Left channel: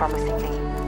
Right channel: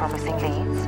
promising leads?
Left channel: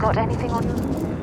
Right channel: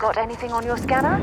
Got anything on your scanner?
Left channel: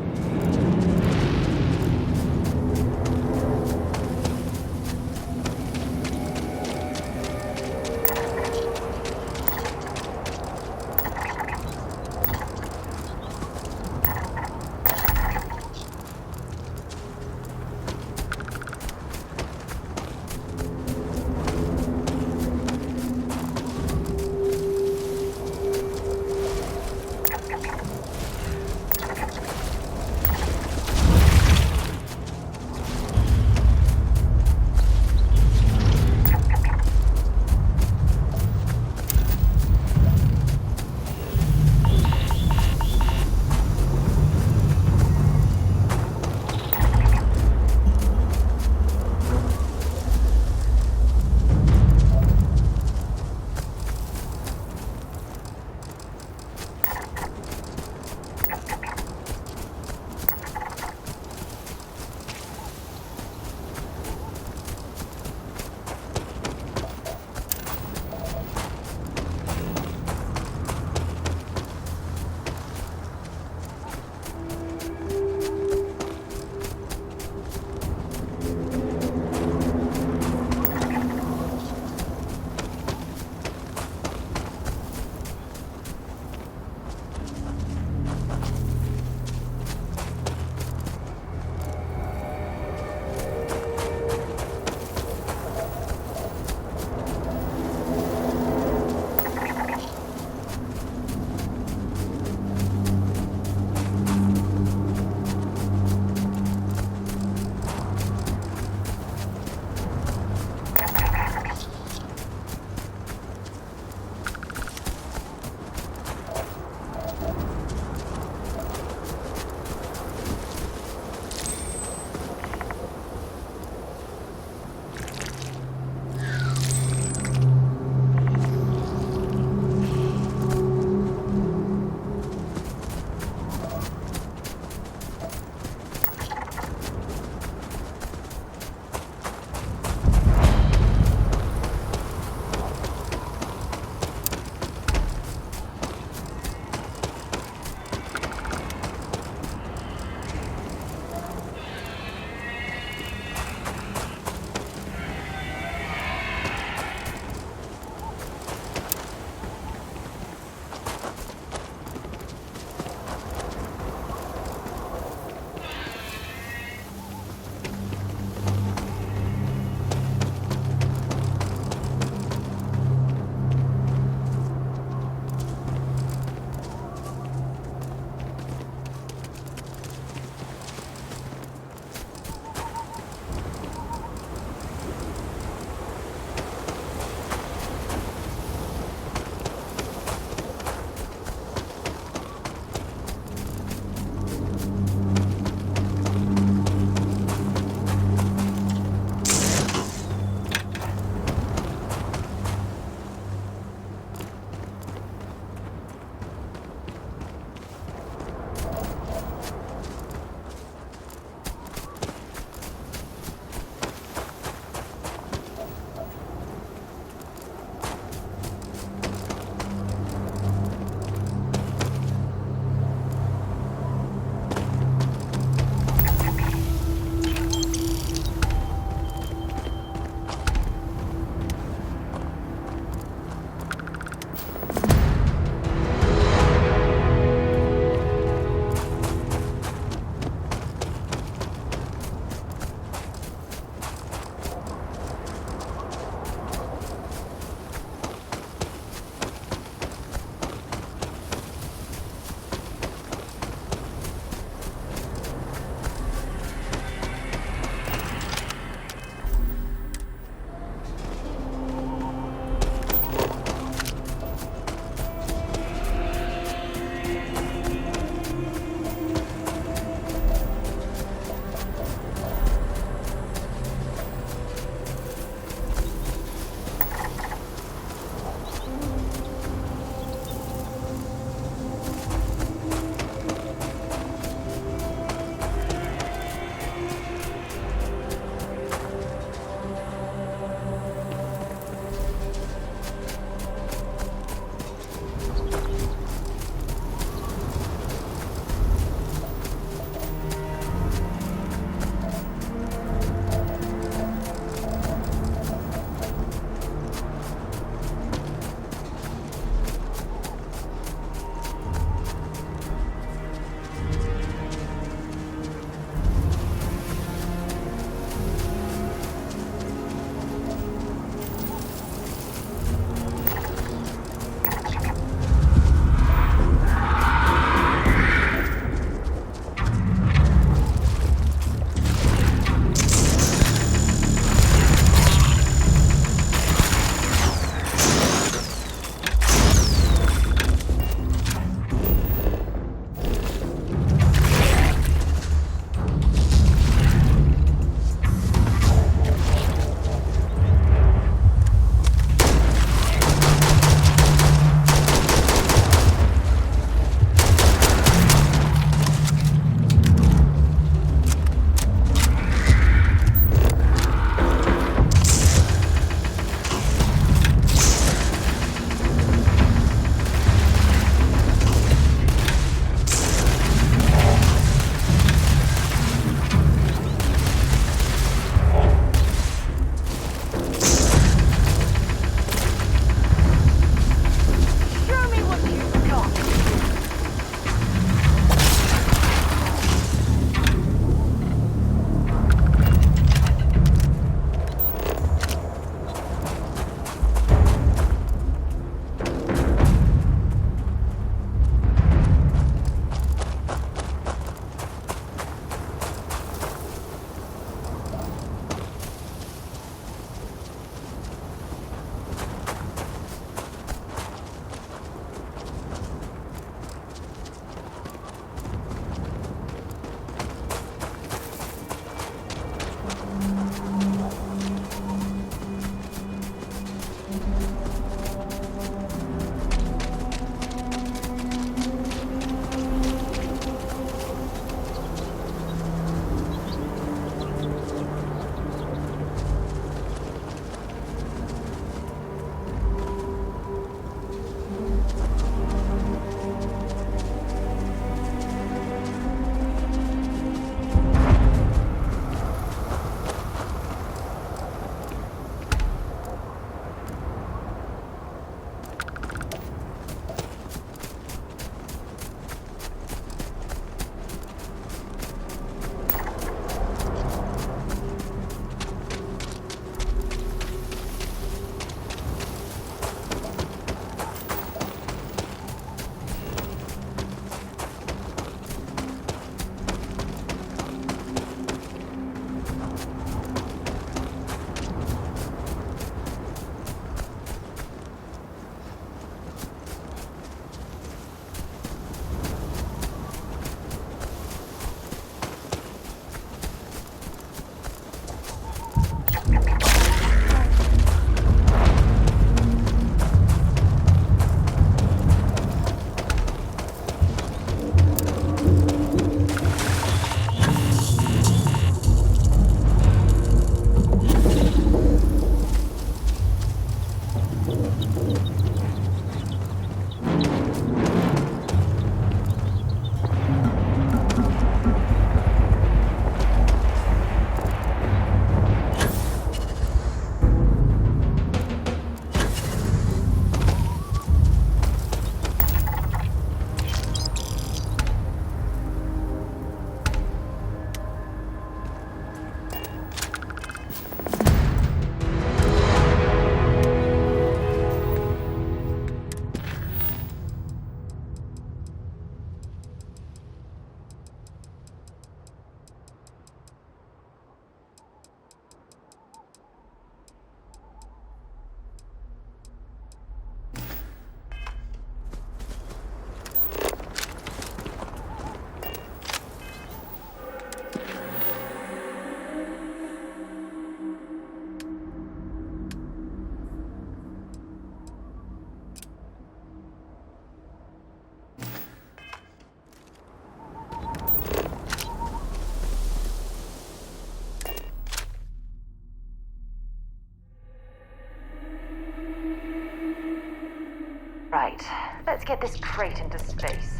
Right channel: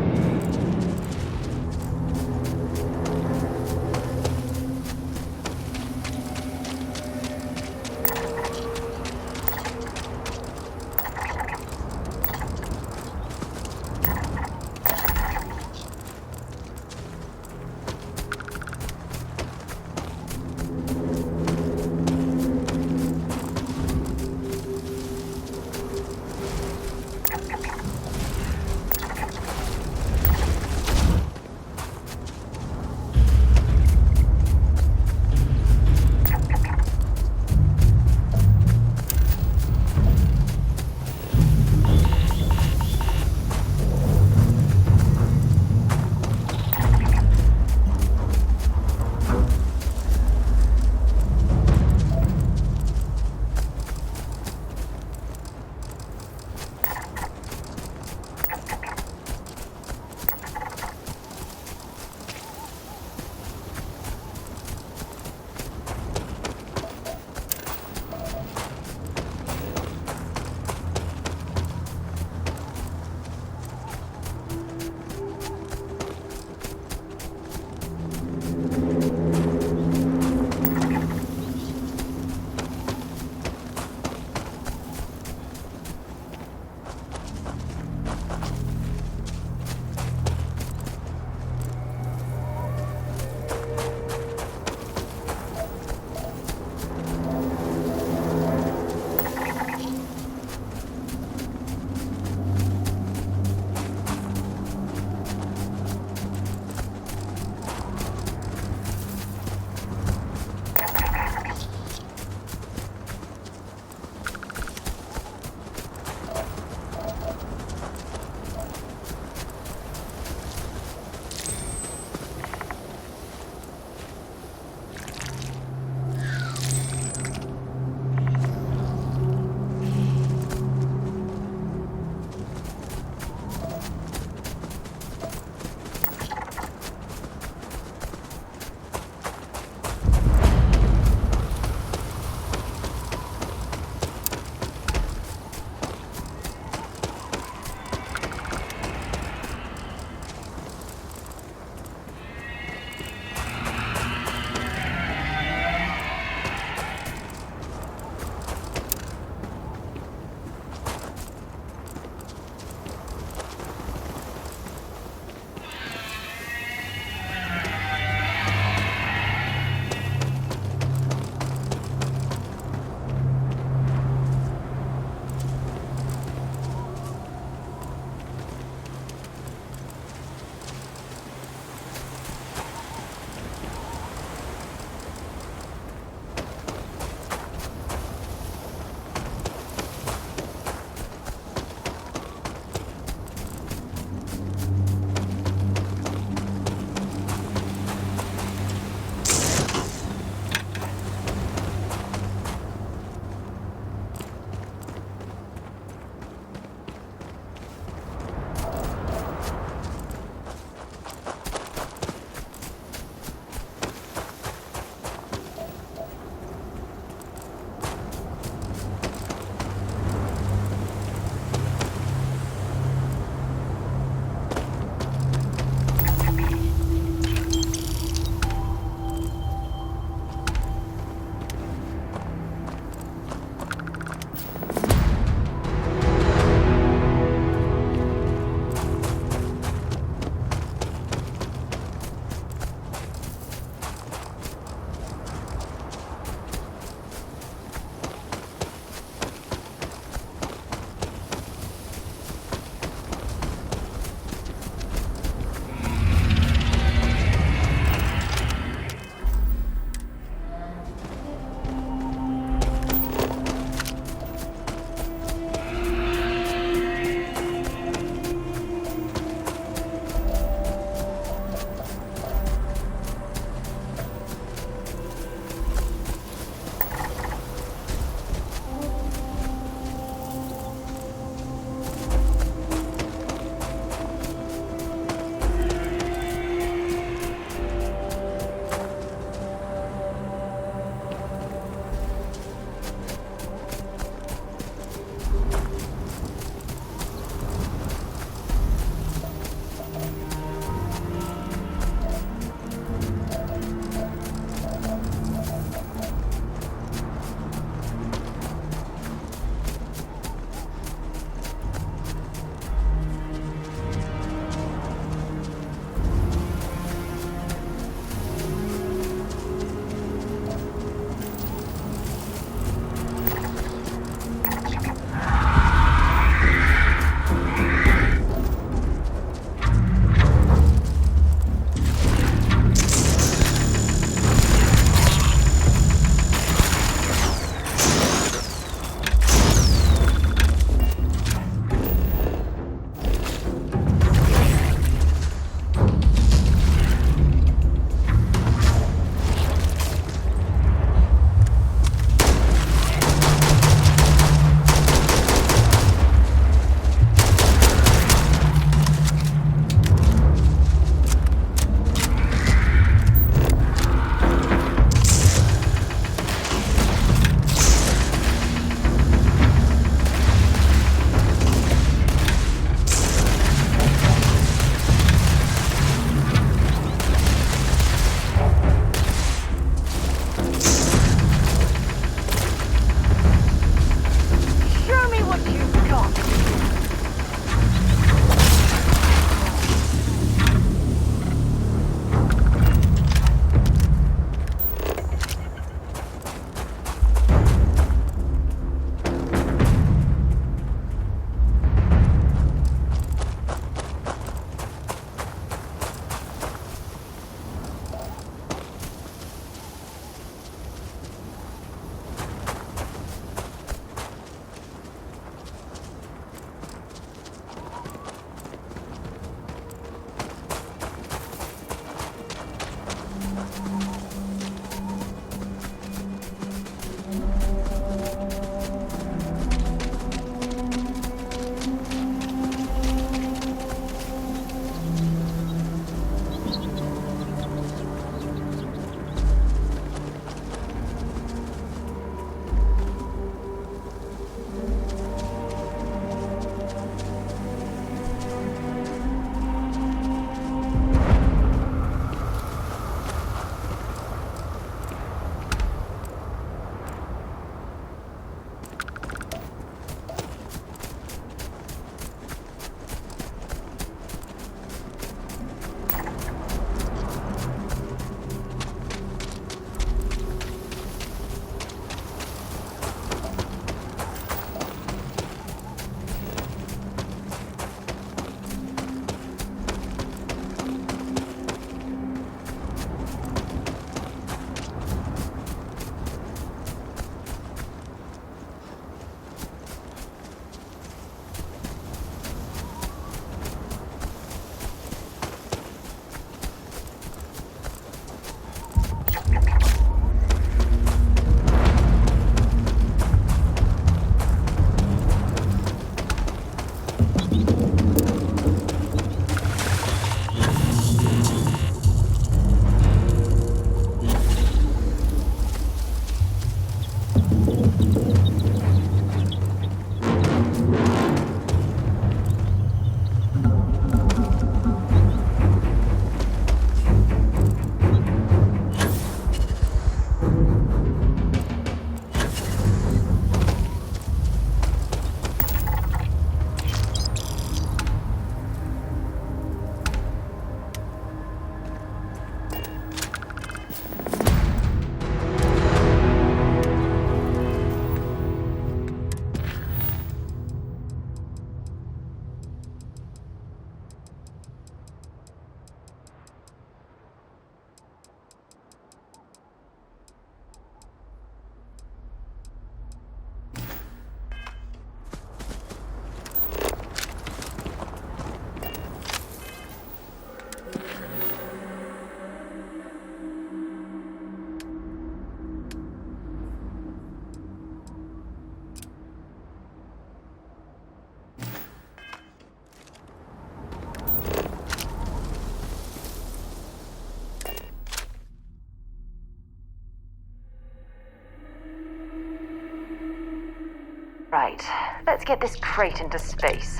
Right, let's get this crate into space.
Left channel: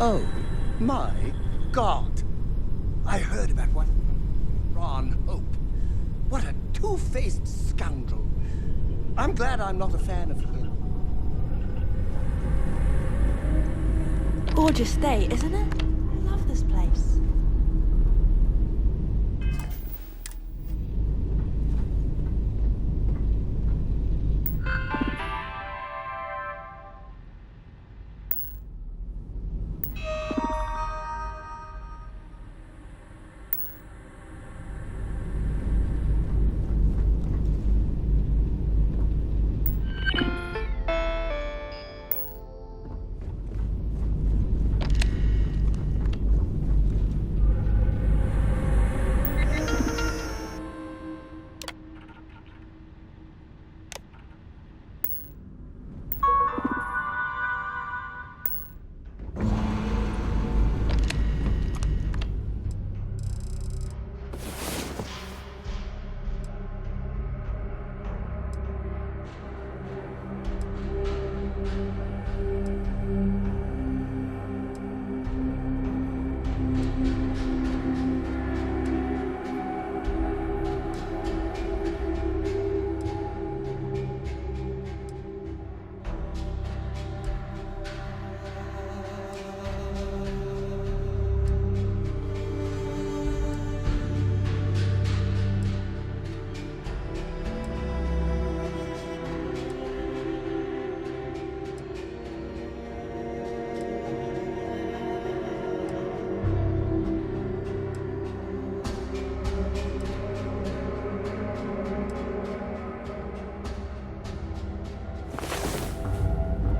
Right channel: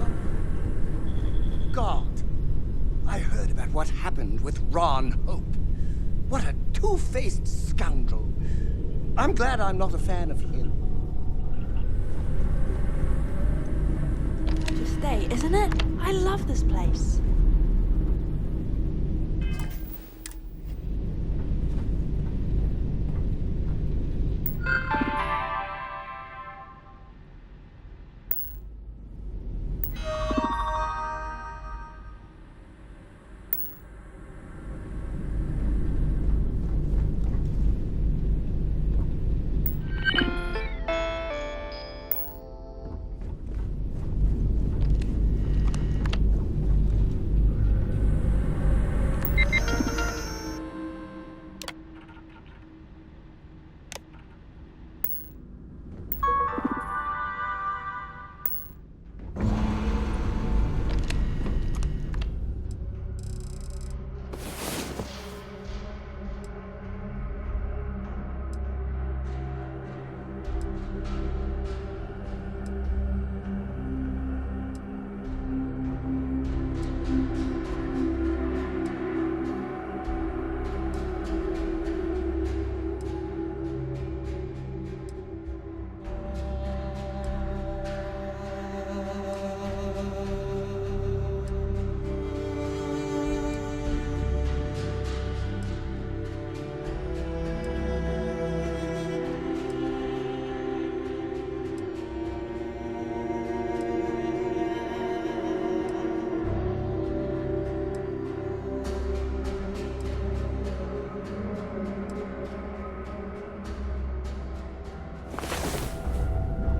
Oh, my God. I heard about what happened with Ron Hope. What a two-faced scoundrel. I'm glad I'm not a fan of him. Gorgeous day, isn't it? I love this place.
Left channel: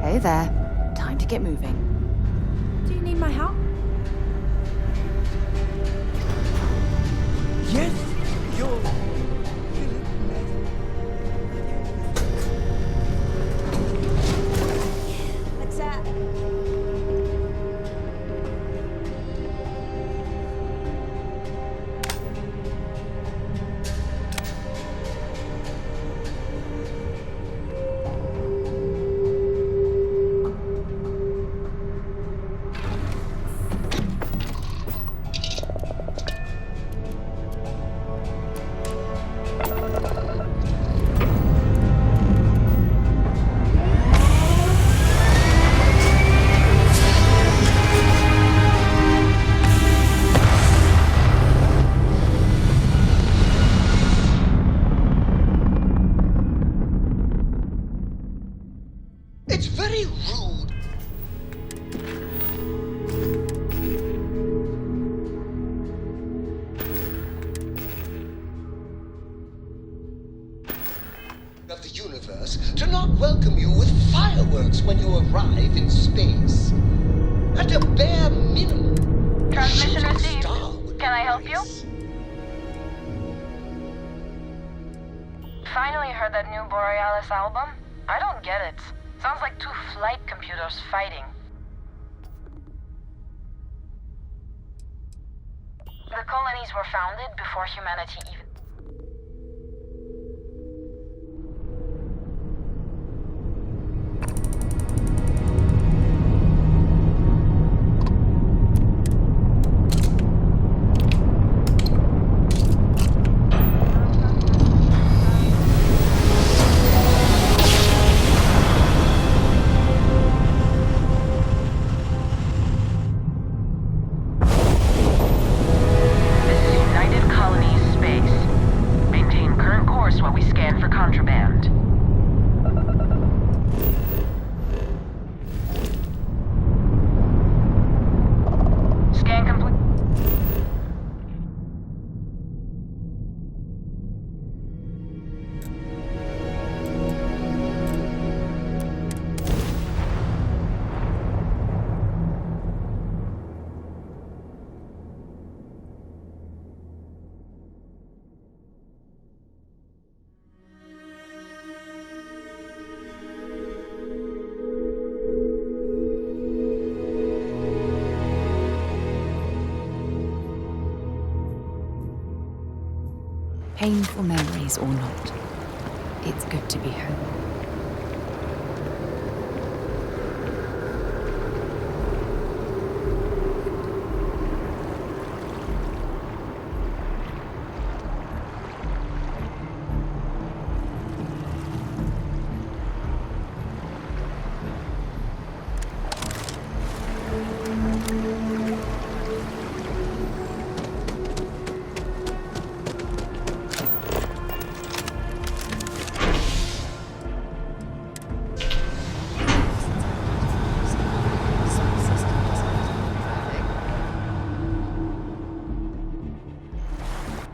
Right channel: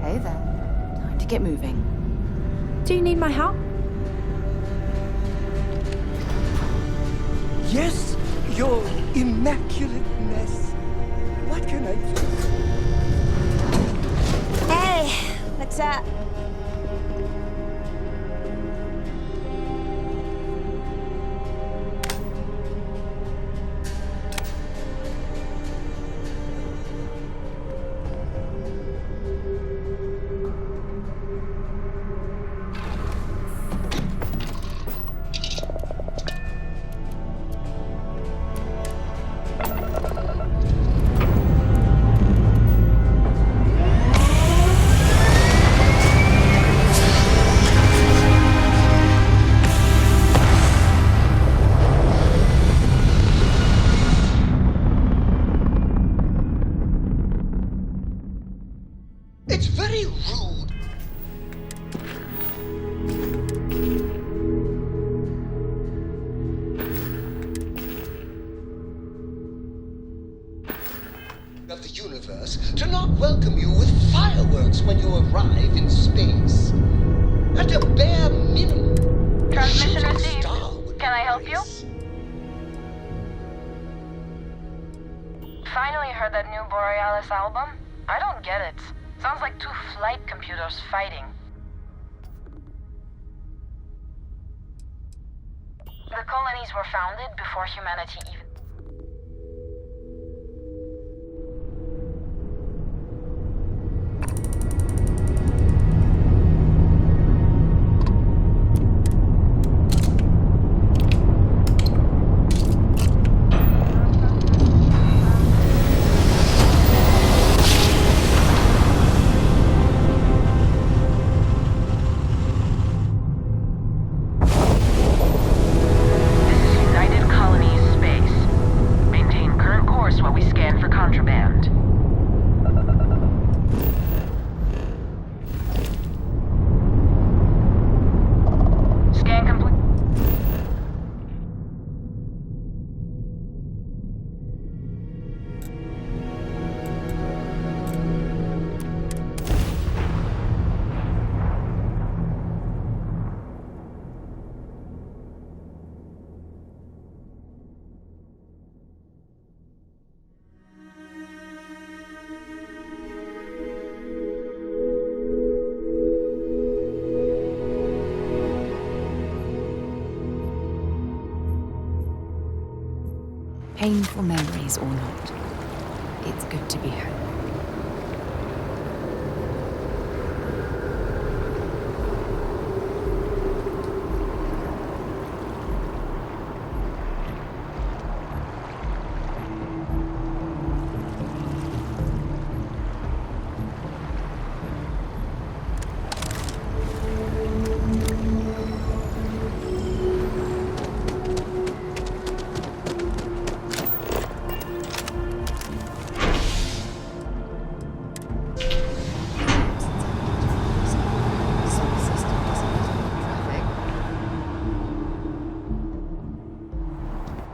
Hey there. Time to get moving. Do you need my help? Yes, your immaculateness. What can I do? Hey, what's up? It's very rude. Of the universe to not welcome you with fireworks when you arrive in space. At a bare minimum, Transmission shooting received. star would be Can I help you? nice. Finally heard that new Borealis album? I don't get it. Sounds like two flight computers fighting. The colonies were founded before humanity even... This is United Colonies Space. Painful memories or not, it's good to be home.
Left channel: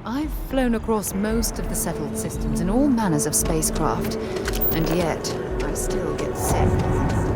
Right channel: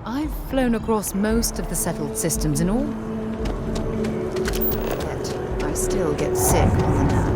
I've flown across most of the settled systems in all manners of spacecraft, and yet I still get sick on the land.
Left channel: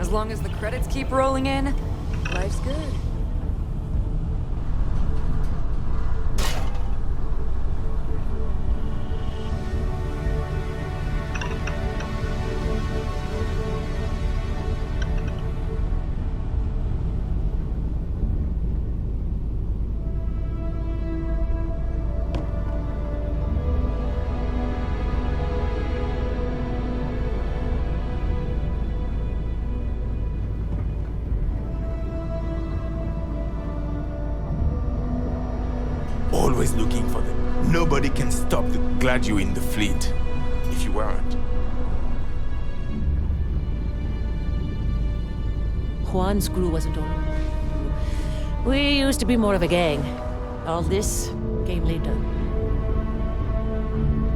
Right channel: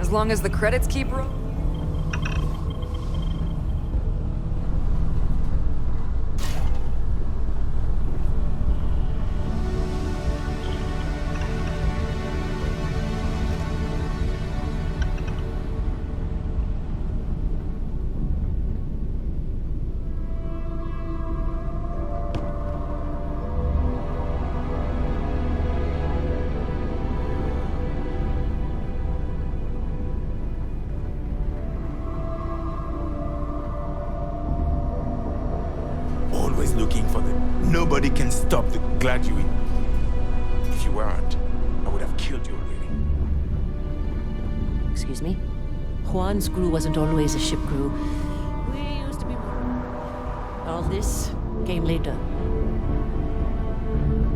As long as the credits keep rolling in, life's good. Always looking for them. Nobody can stop the glad you're in the fleet. If you weren't, I would have killed you already. Excuse me? Juan's crew wasn't always a ship crew. We used to be more of a gang. All this came later.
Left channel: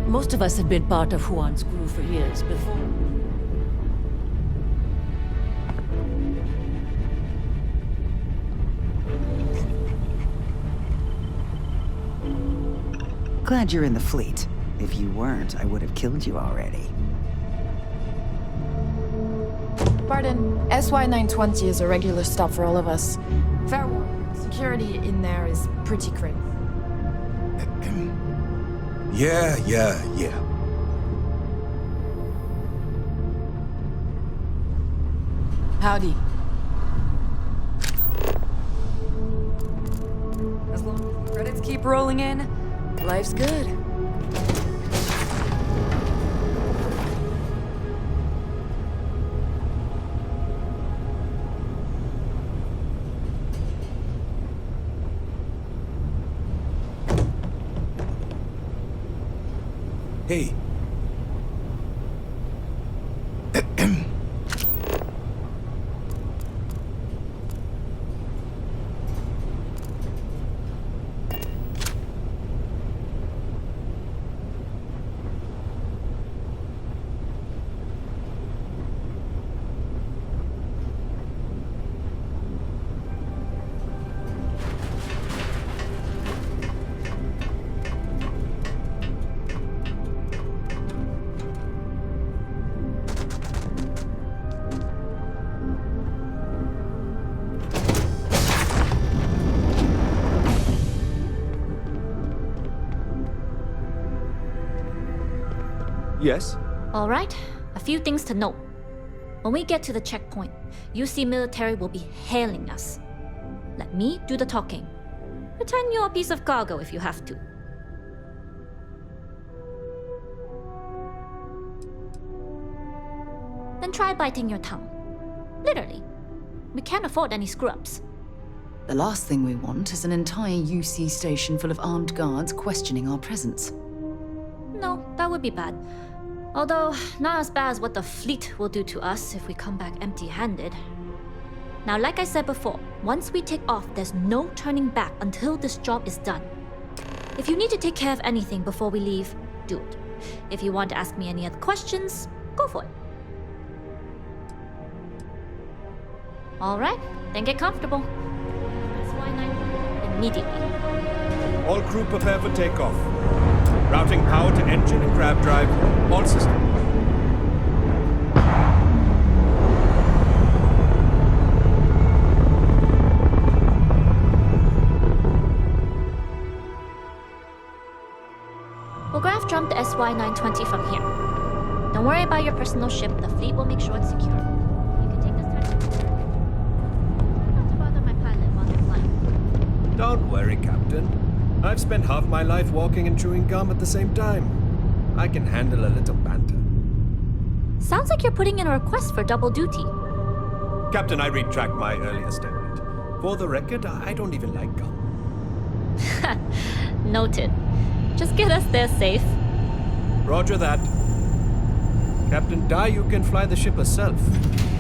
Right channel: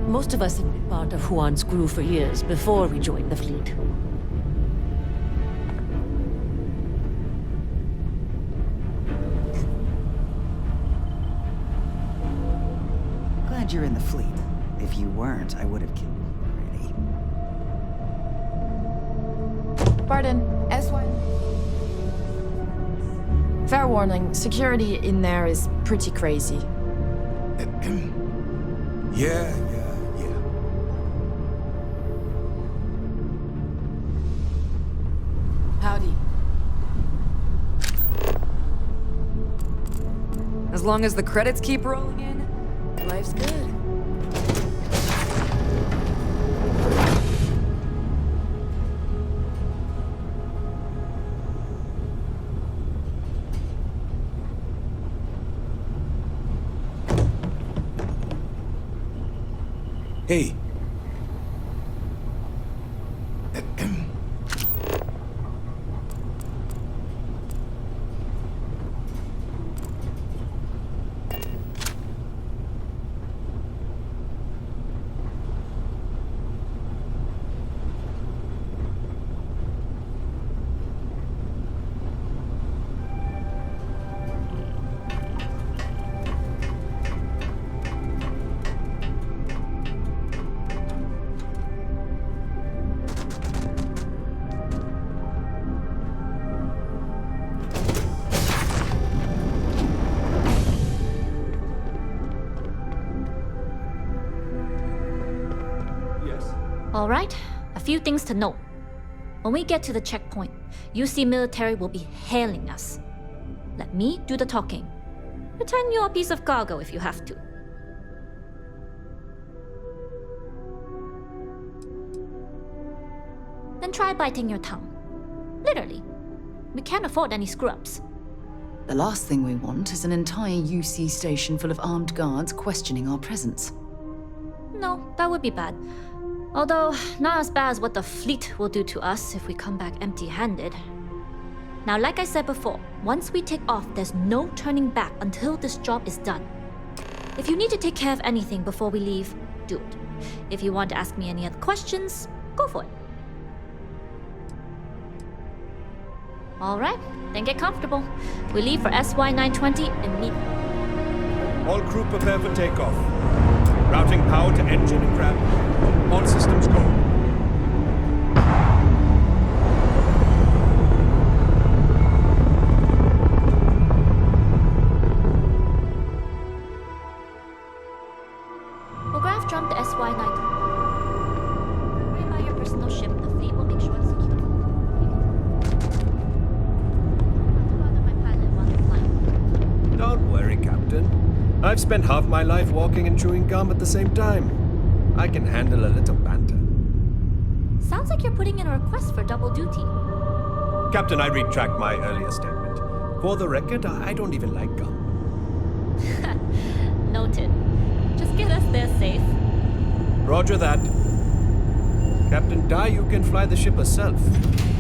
Most of us had been part of Juan's crew for years before we joined the fleet. Glad you're in the fleet. If you weren't, I would have killed you already. Pardon, SY-920 is a regular stop for all of us. Fair warning, security in there is pretty crazy. Yeah. Howdy. As long as the credits keep rolling in, life's good. Hey. Yes? All right, a few things to note. When we get to the checkpoint, UC military will be hailing us. Let me do the talking. Pretend you're a piece of cargo if you have to. Then try biting your tongue. Literally. We can't afford any screw-ups. The last thing we want is an entire UC station full of armed guards questioning our presence. No, that would be bad. Although, not as bad as what the fleet will do to us if we come back empty-handed. Now, like I said before, once we take off, there's no turning back until this job is done. If you need to take care of anything before we leave, do it. If you want to ask me any other questions, go for it. Alright, then get comfortable. We leave for SY-920 immediately. All crew prepare for takeoff. Routing power to engine and grav drive. All systems go. We'll grav jump the SY-920 from here. Don't worry about your personal ship. The fleet will make sure it's secure. You can take this time. Not to bother my pilot while you're flying. Don't worry, Captain. I've spent half my life walking and chewing gum at the same time. I can handle a little banter. Sounds like you're putting in a request for double duty. Captain, I retract my earlier statement. For the record, I don't even like gum. Noted. Just get us there safe. Roger that. Captain Dai, you can fly the ship herself.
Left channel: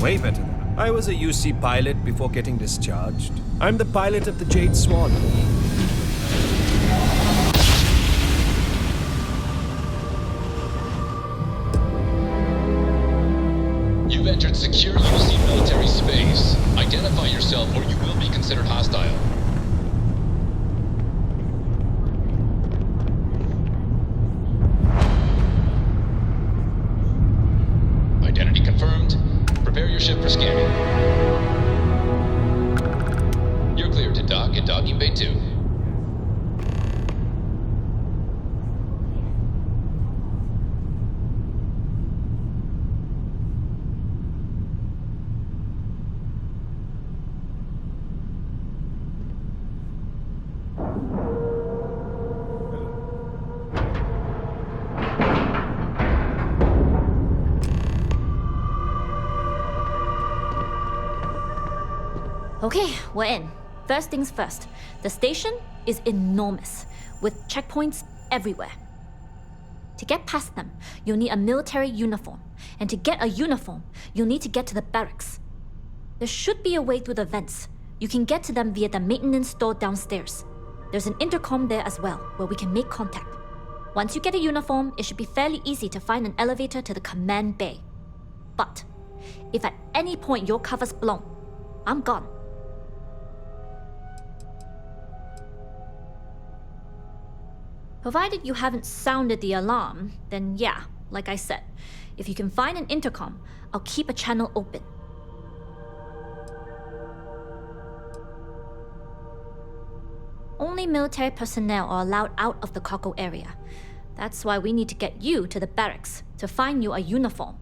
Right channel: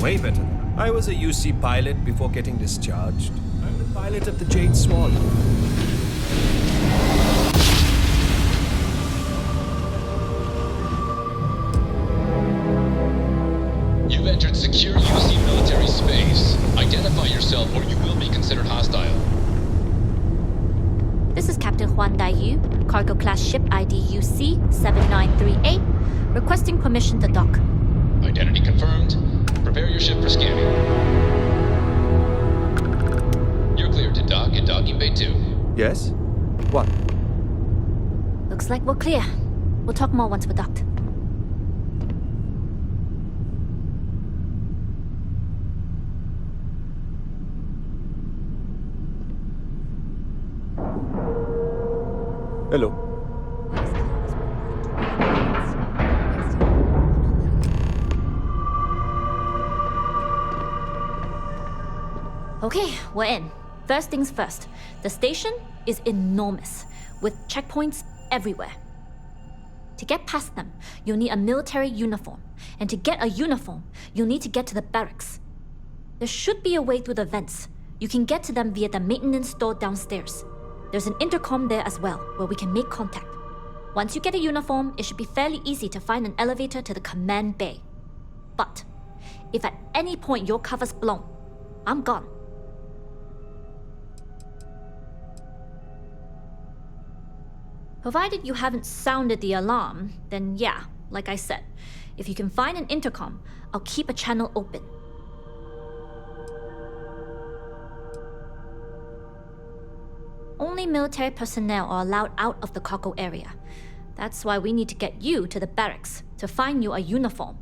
Way better than I was a UC pilot before getting discharged. I'm the pilot of the Jade Swan. You've entered secure UC military space. Identify yourself or you will be considered hostile. This is Captain Huan Daiyu, cargo class ship ID UC 7938, requesting permission to dock. Identity confirmed. Prepare your ship for scanning. You're cleared to dock at docking bay 2. Yes? What? Looks like we're clear. We'll talk more once we're docked. Hello. Okay, we're in. First things first. The station is enormous, with checkpoints everywhere. To get past them, you'll need a military uniform. And to get a uniform, you'll need to get to the barracks. There should be a way through the vents. You can get to them via the maintenance store downstairs. There's an intercom there as well, where we can make contact. Once you get a uniform, it should be fairly easy to find an elevator to the command bay. But if at any point your cover's blown, I'm gone. Provided you haven't sounded the alarm, then yeah, like I said, if you can find an intercom, I'll keep a channel open. Only military personnel are allowed out of the cargo area. That's why we need to get you to the barracks to find you a uniform.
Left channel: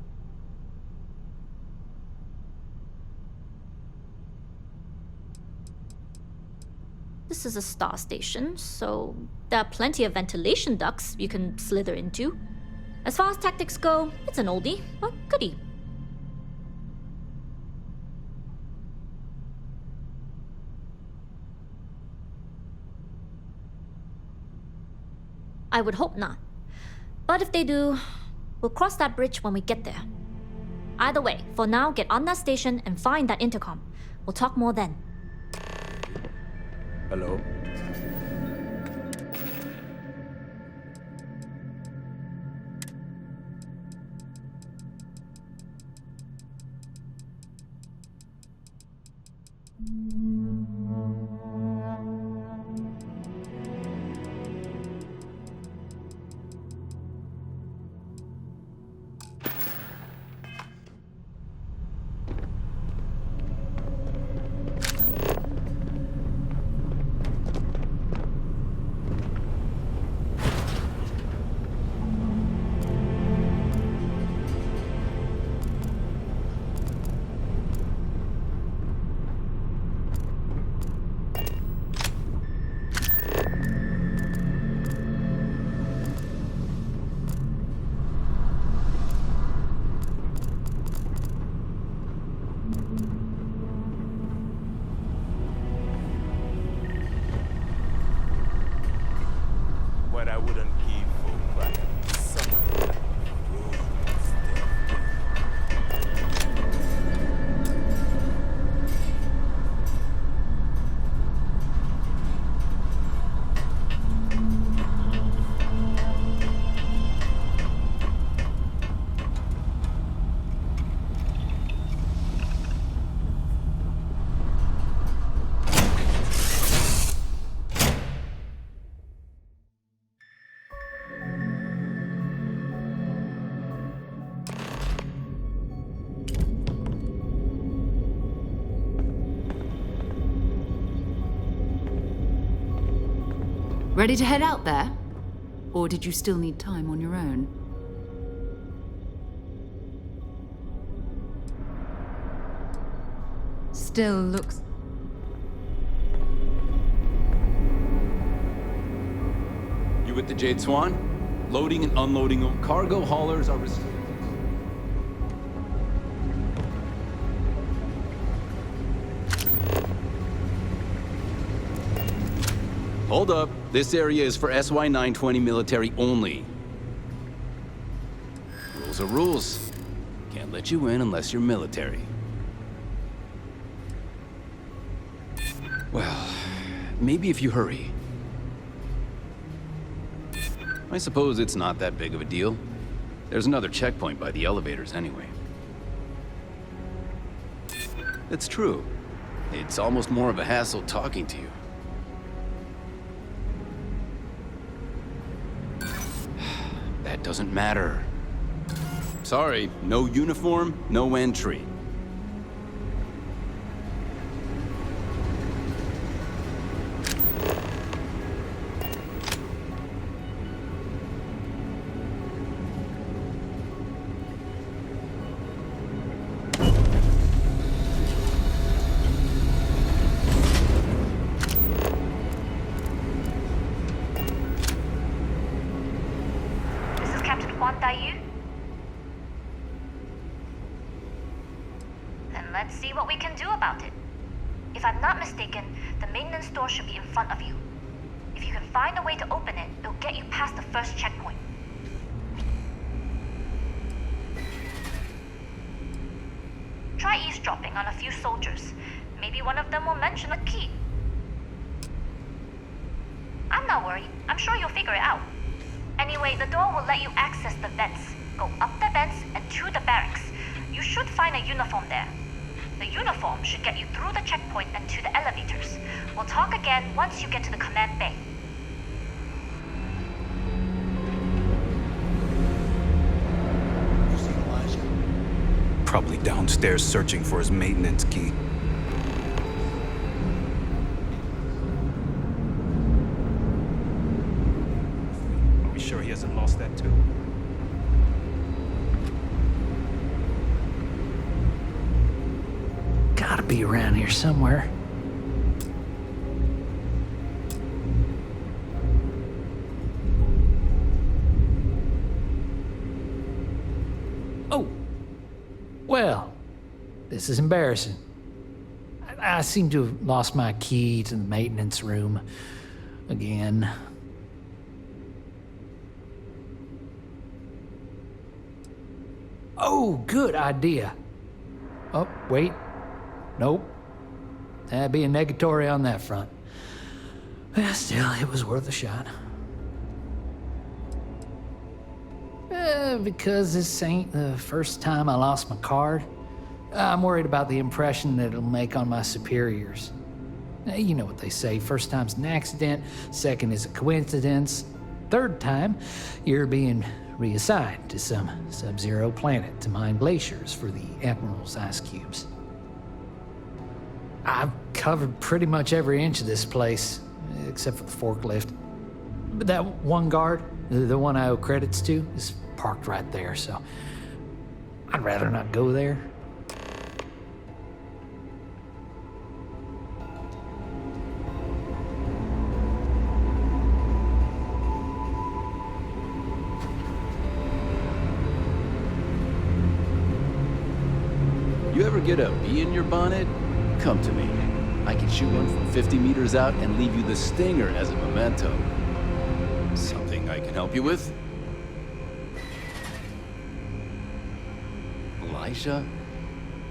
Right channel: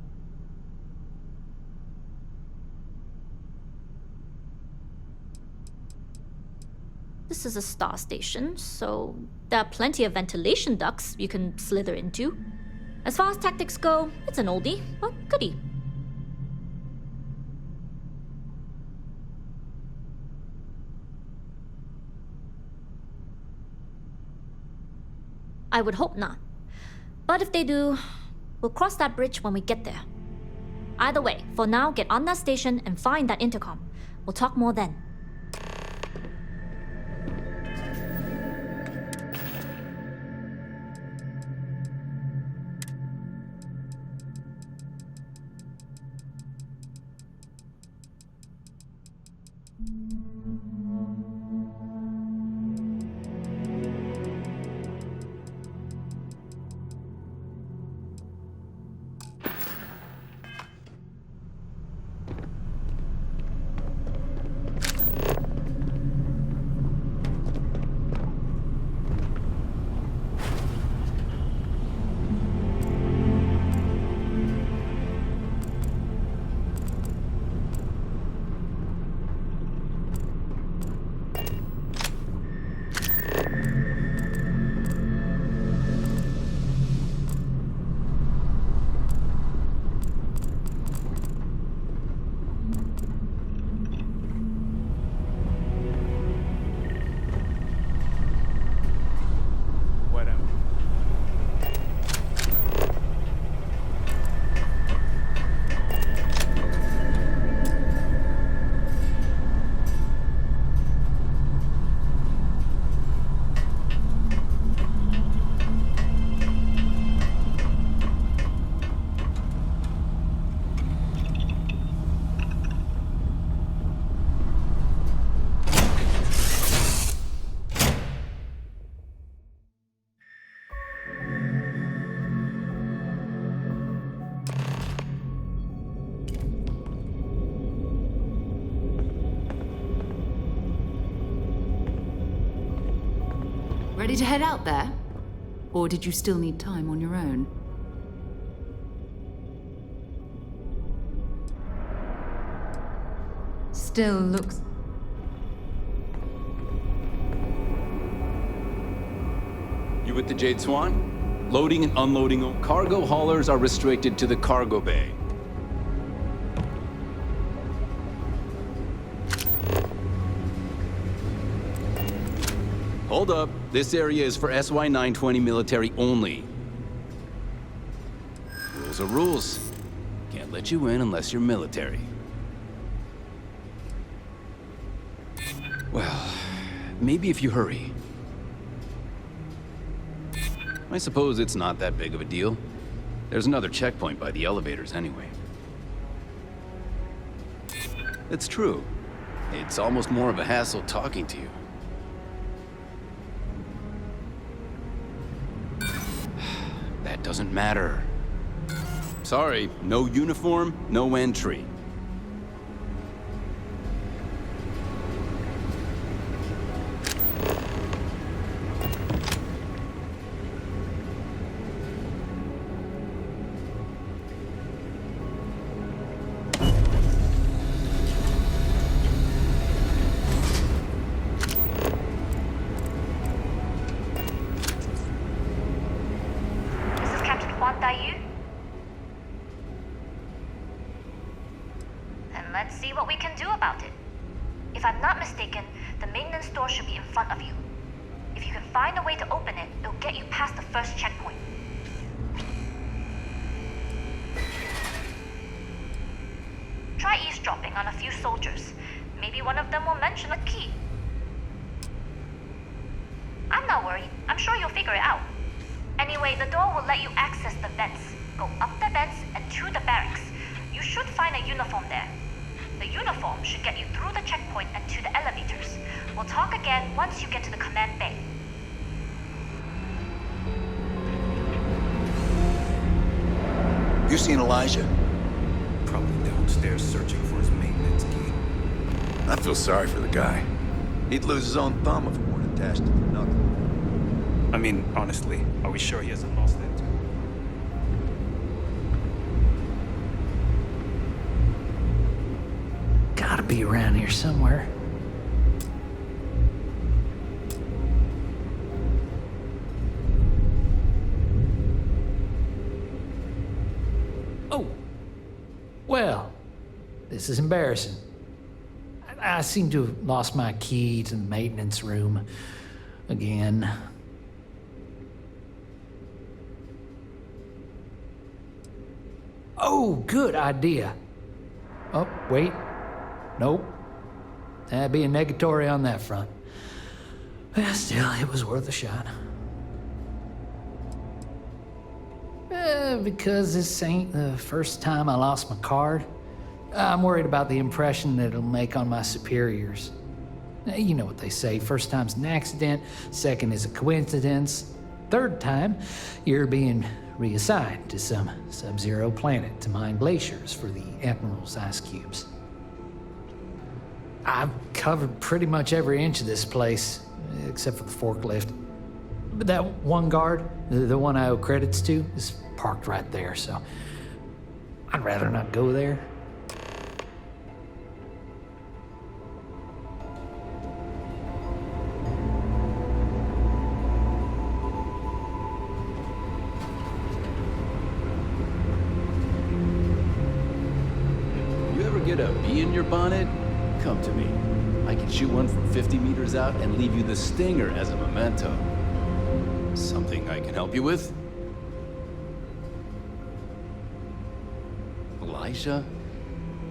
This is a star station, so there are plenty of ventilation ducts you can slither into. As far as tactics go, it's an oldie, but goodie. I would hope not. But if they do, we'll cross that bridge when we get there. Either way, for now, get on that station and find that intercom. We'll talk more then. Hello? Ready to head out there? Or did you still need time on your own? Still looks... You with the Jade Swan? Loading and unloading cargo haulers are restricted to the cargo bay. Hold up. This area is for SY-920 military only. Rules are rules. Can't let you in unless you're military. Well, maybe if you hurry. I suppose it's not that big of a deal. There's another checkpoint by the elevators anyway. It's true. It's almost more of a hassle talking to you. That doesn't matter. Sorry, no uniform, no entry. Then let's see what we can do about it. If I'm not mistaken, the maintenance door should be in front of you. If you can find a way to open it, it'll get you past the first checkpoint. Try eavesdropping on a few soldiers. Maybe one of them will mention a key. I'm not worried. I'm sure you'll figure it out. Anyway, the door will let you access the vents. Go up the vents and to the barracks. You should find a uniform there. The uniform should get you through the checkpoint and to the elevators. We'll talk again once you get to the command bay. You seen Elijah? Probably downstairs searching for his maintenance key. I feel sorry for the guy. He'd lose his own thumb if it weren't attached to nothing. I mean, honestly, are we sure he hasn't lost that too? Gotta be around here somewhere. Oh! Well, this is embarrassing. I seem to have lost my key to the maintenance room again. Oh, good idea. Oh, wait. Nope. That'd be a negatory on that front. Well, still, it was worth a shot. Because this ain't the first time I lost my card, I'm worried about the impression that it'll make on my superiors. You know what they say, first time's an accident, second is a coincidence, third time, you're being reassigned to some sub-zero planet to mine glaciers for the Admiral's ice cubes. I've covered pretty much every inch of this place, except for the forklift. But that one guard, the one I owe credits to, is parked right there, so I'd rather not go there. You ever get a bee in your bonnet? Come to me. I can shoot one from 50 meters out and leave you the stinger as a memento. Something I can help you with? Elijah?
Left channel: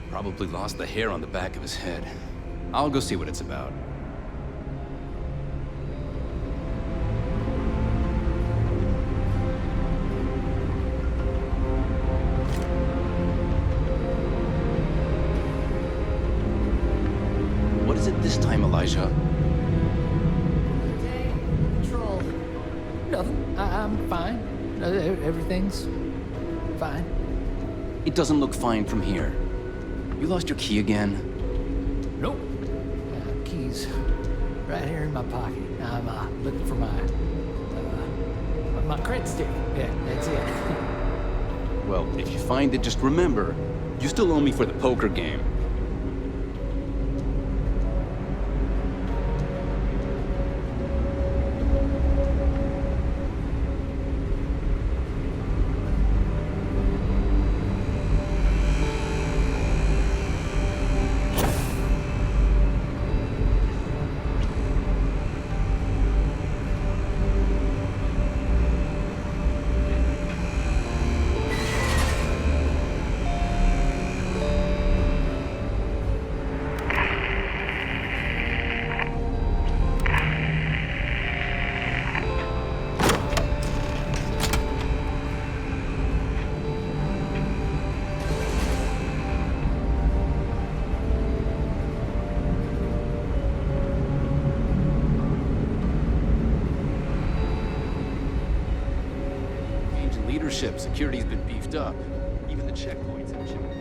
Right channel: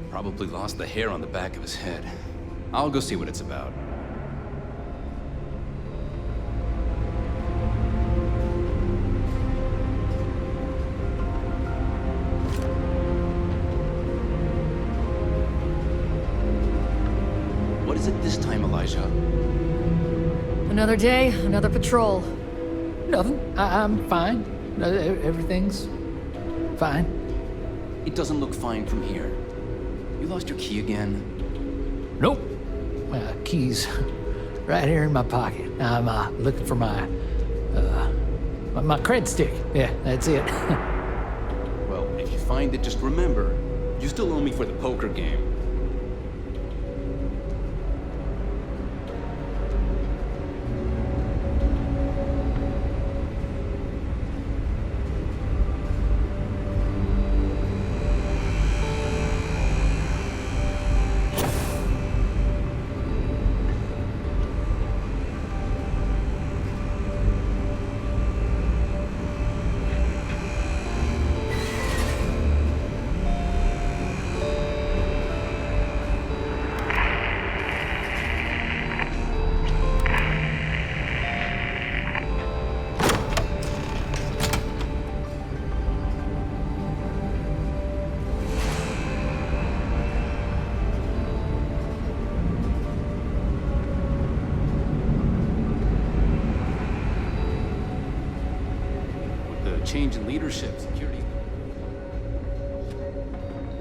Probably lost the hair on the back of his head. I'll go see what it's about. What is it this time, Elijah? Another day, another patrol. Nothing. I'm fine. Everything's fine. It doesn't look fine from here. You lost your key again? Nope. Keys right here in my pocket. I'm looking for my cred stick. Yeah, that's it. Well, if you find it, just remember, you still owe me for the poker game. Change in leadership, security's been beefed up. Even the checkpoints have changed.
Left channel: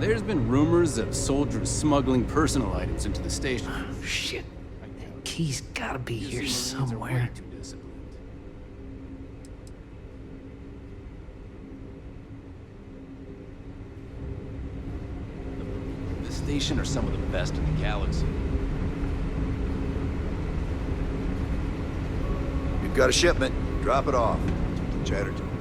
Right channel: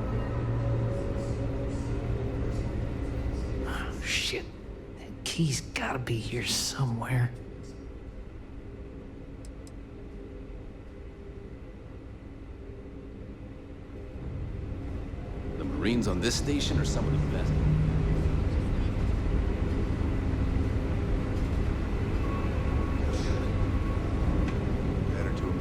There's been rumors of soldiers smuggling personal items into the station. Oh, shit. That key's gotta be here somewhere. The Marines on this station are some of the best in the galaxy. You've got a shipment. Drop it off. Chatter to a minimum.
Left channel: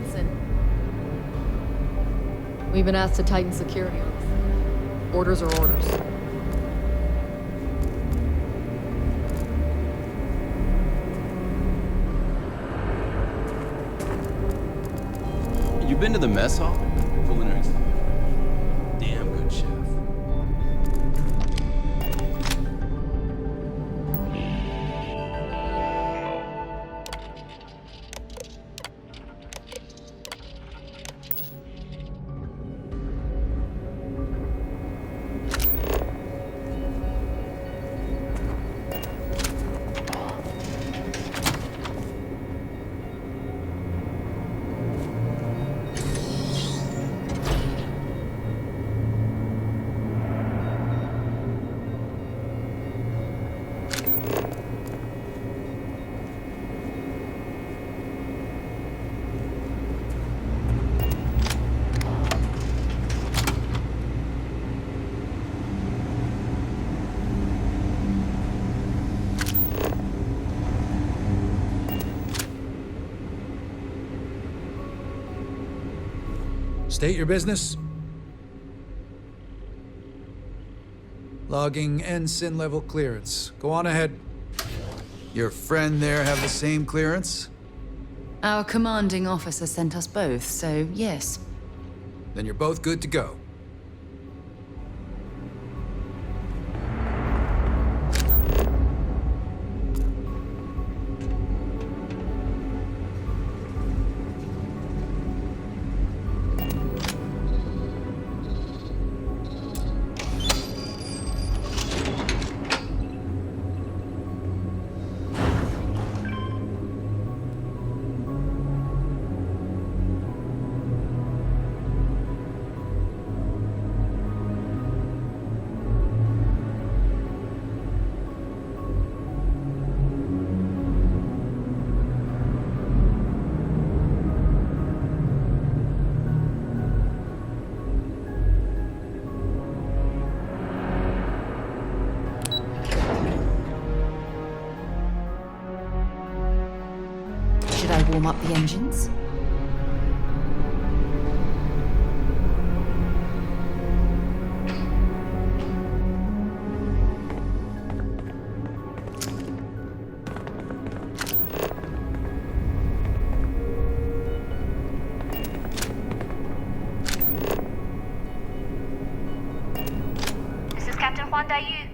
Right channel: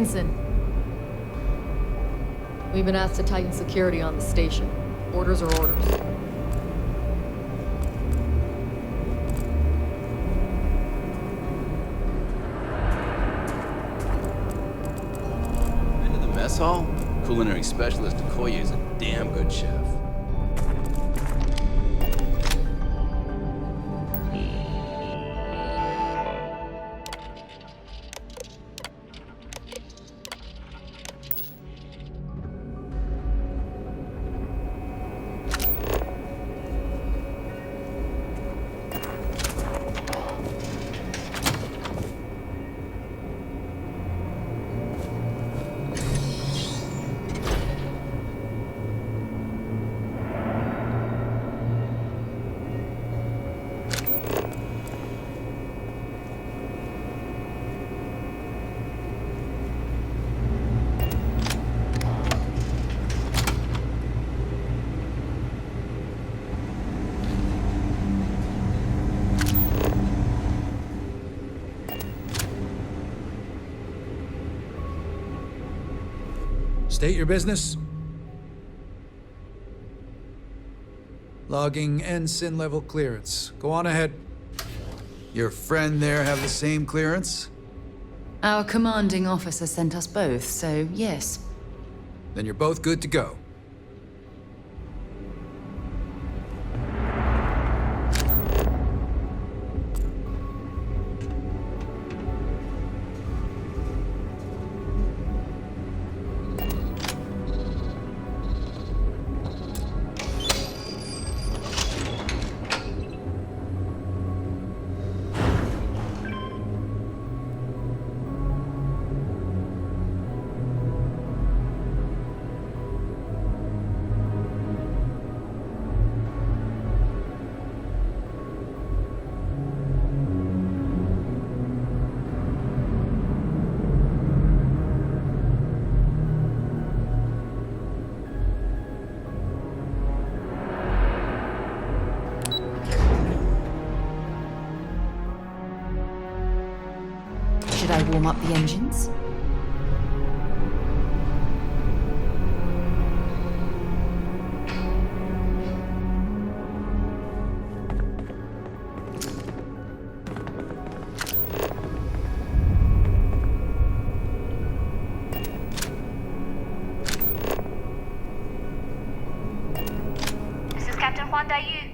Ensign. We've been asked to tighten security on the station. Orders are orders. You been to the mess hall? Culinary specialist Okoye is a damn good chef. State your business. Logging ensign level clearance. Go on ahead. Your friend there have the same clearance? Our commanding officer sent us both, so yes. Then you're both good to go. Should I warm up the engines? This is Captain Huan Daiyu.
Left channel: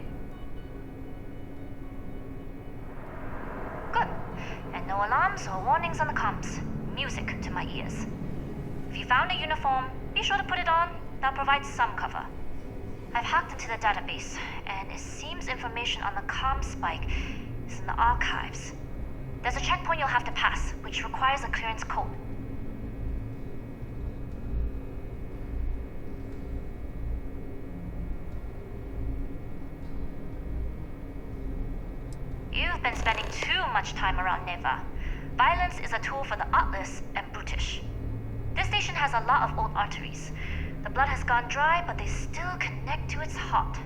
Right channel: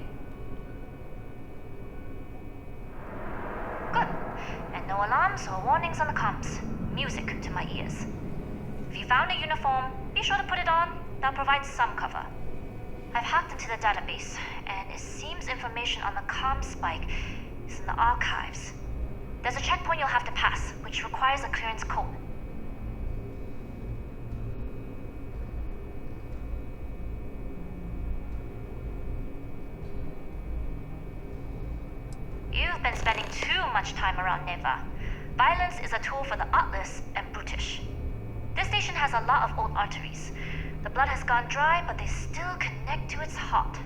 Good. And no alarms or warnings on the comms. Music to my ears. If you found a uniform, be sure to put it on. That'll provide some cover. I've hacked into the database, and it seems information on the comm spike is in the archives. There's a checkpoint you'll have to pass, which requires a clearance code. You've been spending too much time around Neva. Violence is a tool for the artless and brutish. This station has a lot of old arteries. The blood has gone dry, but they still connect to its heart.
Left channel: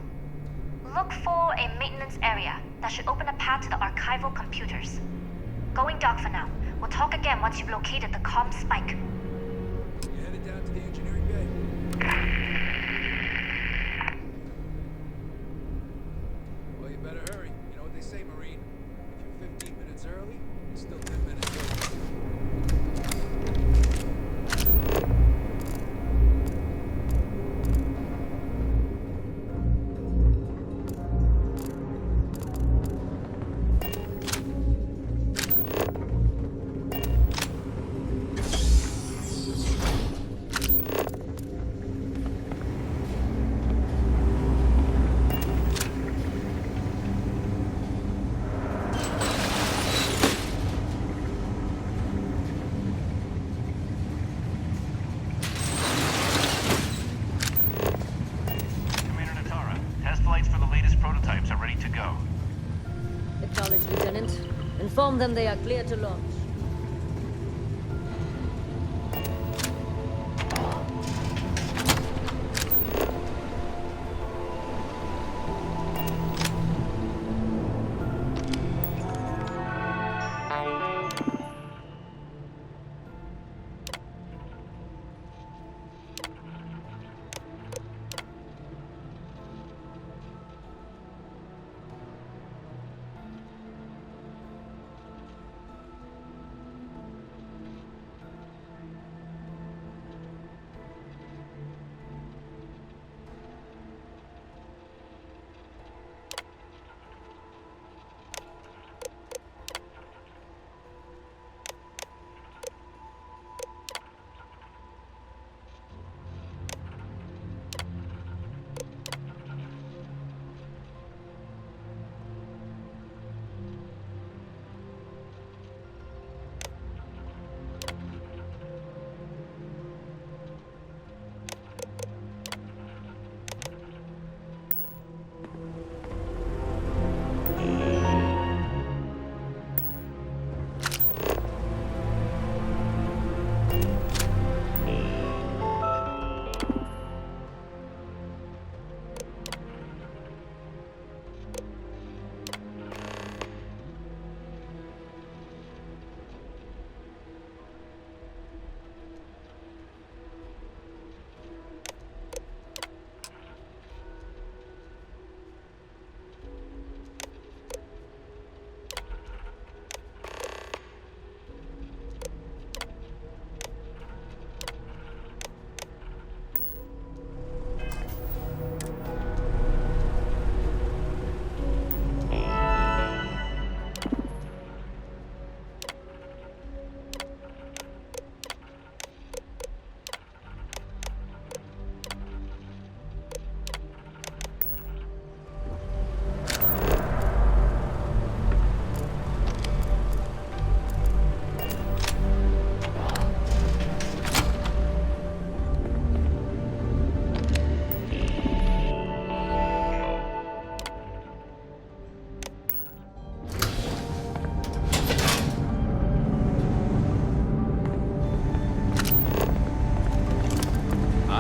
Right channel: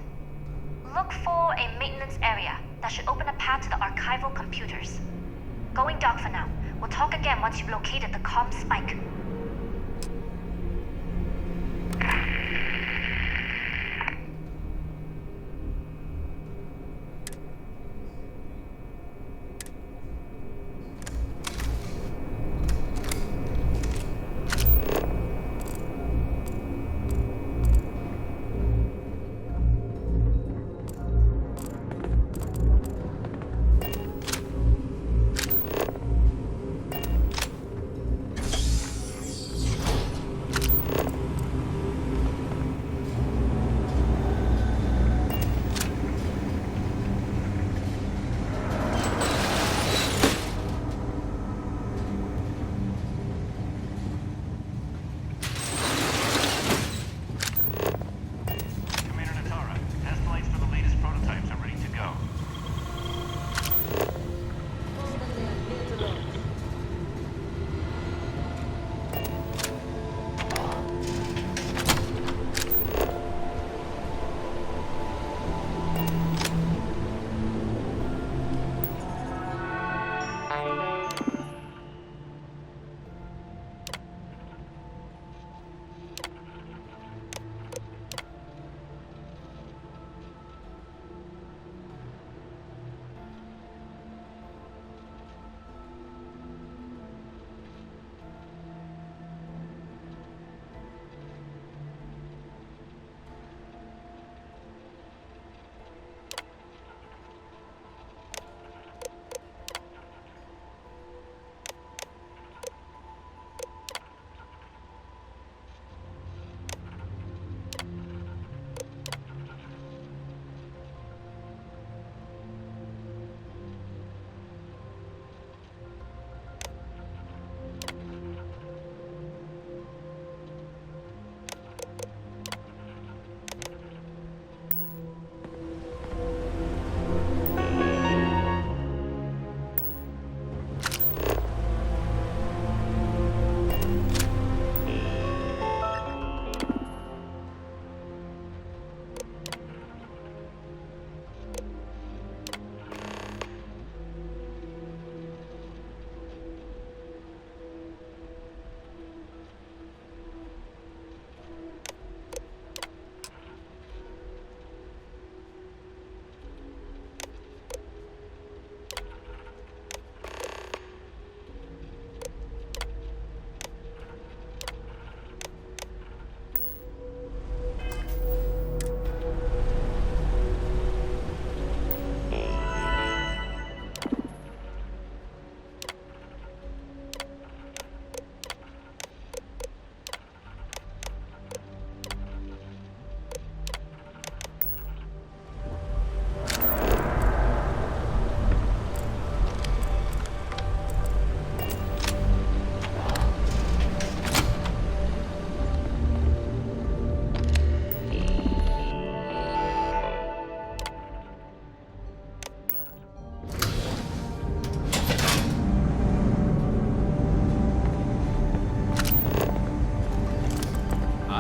Look for a maintenance area that should open a path to the archival computers. Going dark for now. We'll talk again once you've located the comm spike. Inform them they are clear to launch.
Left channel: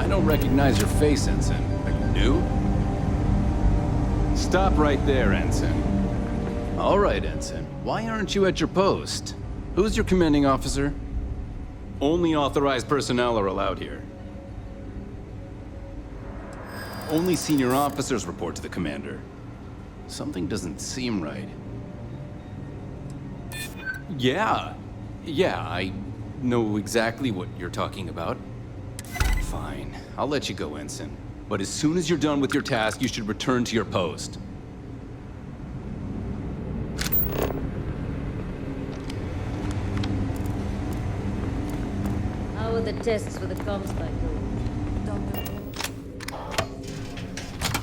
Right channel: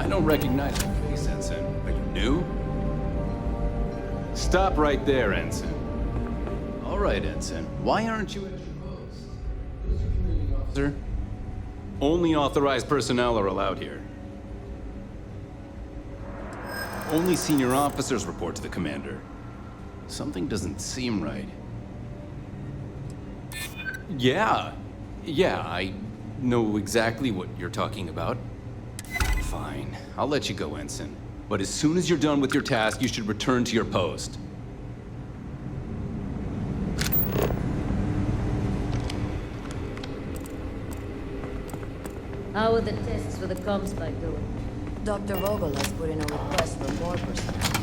I don't recognize your face, Ensign. Are you new? Stop right there, Ensign. All right, Ensign. Why aren't you at your post? Who's your commanding officer? Only authorized personnel are allowed here. Only senior officers report to the commander. Something doesn't seem right. Yeah, I know exactly what you're talking about. Fine, I'll let you go, Ensign. But as soon as you're done with your task, you should return to your post. How are the tests for the Comspike doing? Dr. Vogel has put in a request for more personnel.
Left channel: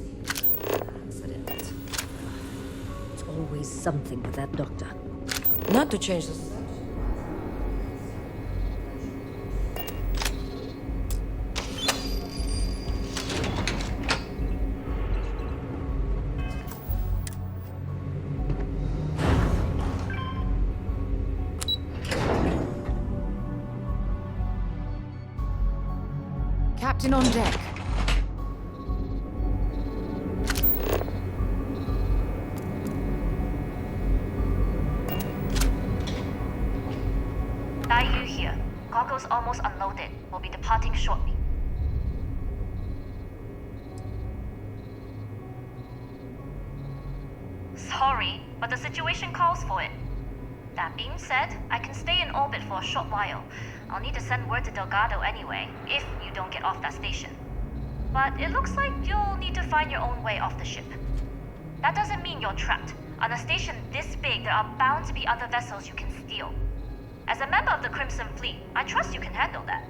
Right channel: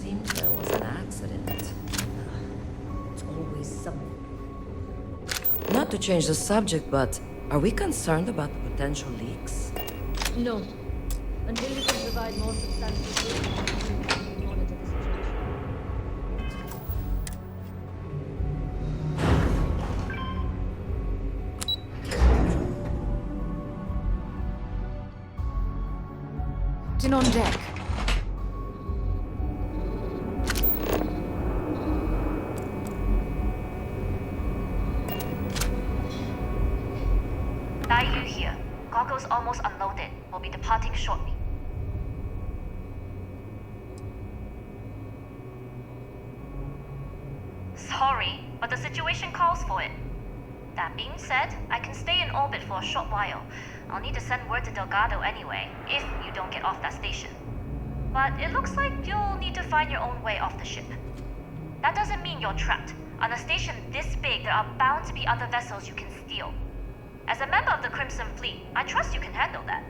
Seems there was an accident. It's always something with that doctor. Not to change the subject, but are we concerned about potential leaks? No. Until you can provide more Captain on deck. Daiyu here. Cargo's almost unloaded. We'll be departing shortly. Sorry, but the situation calls for it. That being said, I can stay in orbit for a short while. I'll need to send word to Delgado anyway, if you don't get off that station. But it looks like you'll need to find your own way off the ship. That doesn't mean you're trapped. On a station this big, there are bound to be other vessels you can steal. As a member of the Crimson Fleet, I trust you can handle that.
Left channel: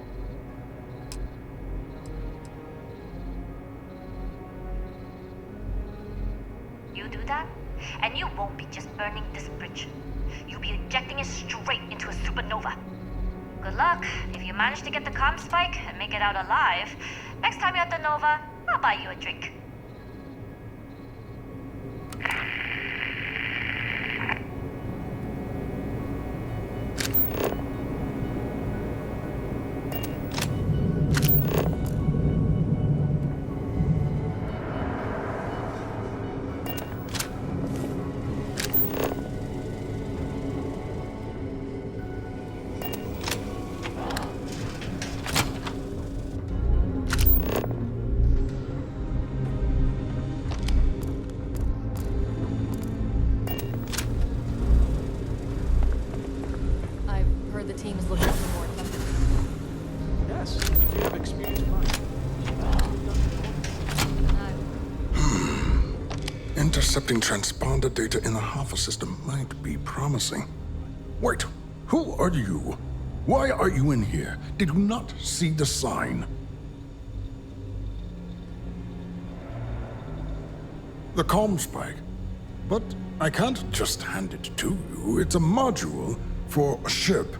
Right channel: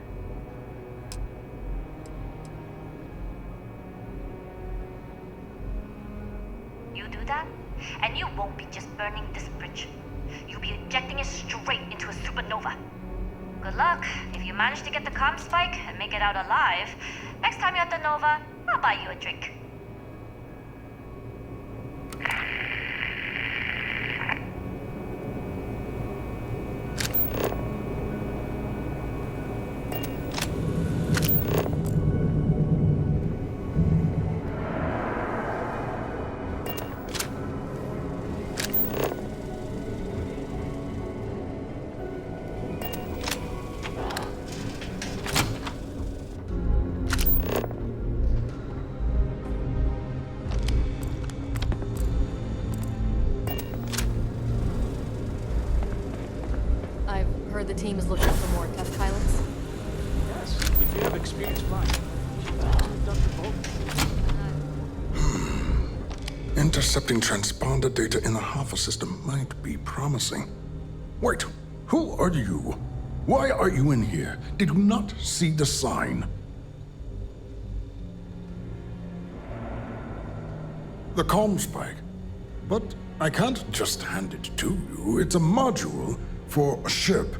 You do that, and you won't be just burning this bridge. You'll be ejecting it straight into a supernova. Good luck. If you manage to get the comm spike and make it out alive, next time you're at the Nova, I'll buy you a drink. The team is looking for more test pilots. Yes, if you have experience flying. Intercepting transponder data in the Alpha system might be promising. Wait, who are you? Why are you in here? Did you not see the sign? The comm spike. But I can't just hand it to you. It's a module for a ship.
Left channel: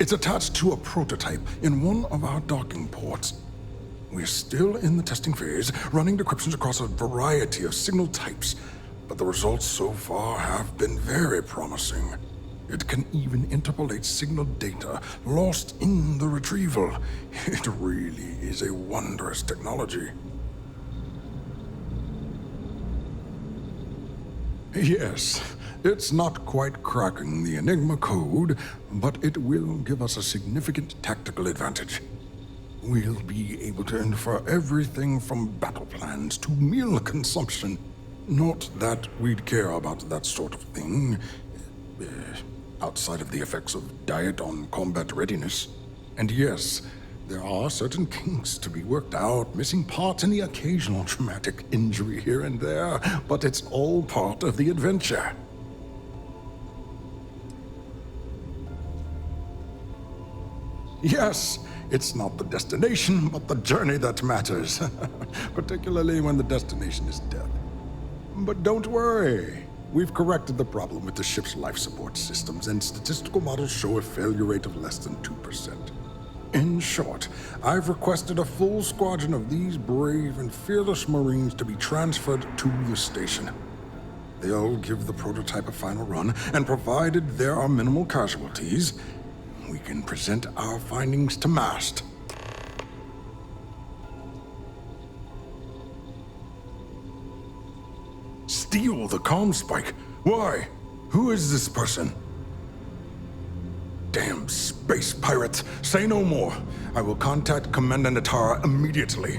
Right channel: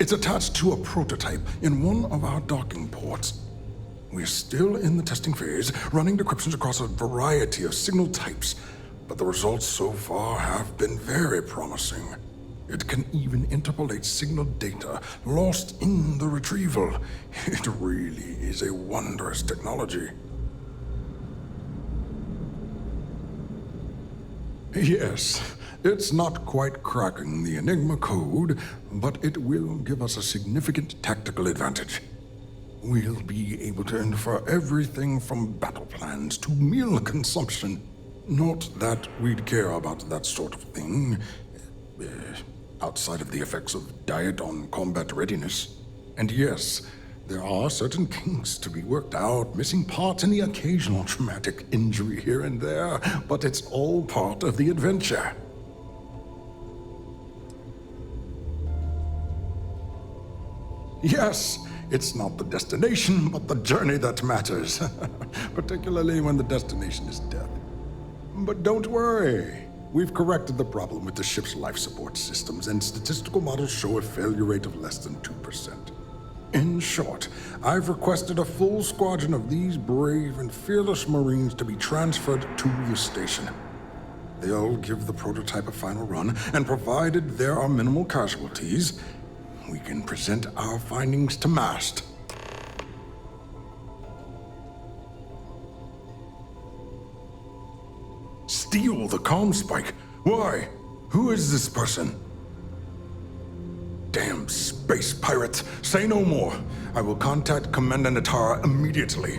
It's attached to a prototype in one of our docking ports. We're still in the testing phase, running decryptions across a variety of signal types, but the results so far have been very promising. It can even interpolate signal data lost in the retrieval. It really is a wondrous technology. Yes, it's not quite cracking the Enigma code, but it will give us a significant tactical advantage. We'll be able to infer everything from battle plans to meal consumption. Not that we'd care about that sort of thing, outside of the effects of diet on combat readiness. And yes, there are certain kinks to be worked out, missing parts and the occasional traumatic injury here and there, but it's all part of the adventure. Yes, it's not the destination, but the journey that matters, particularly when the destination is death. But don't worry. We've corrected the problem with the ship's life support systems, and statistical models show a failure rate of less than 2%. In short, I've requested a full squadron of these brave and fearless Marines to be transferred to the station. They'll give the prototype a final run, and provided there are minimal casualties, we can present our findings to MAST. steal the comm spike. Why? Who is this person? Damn space pirates. Say no more. I will contact Commander Natara immediately.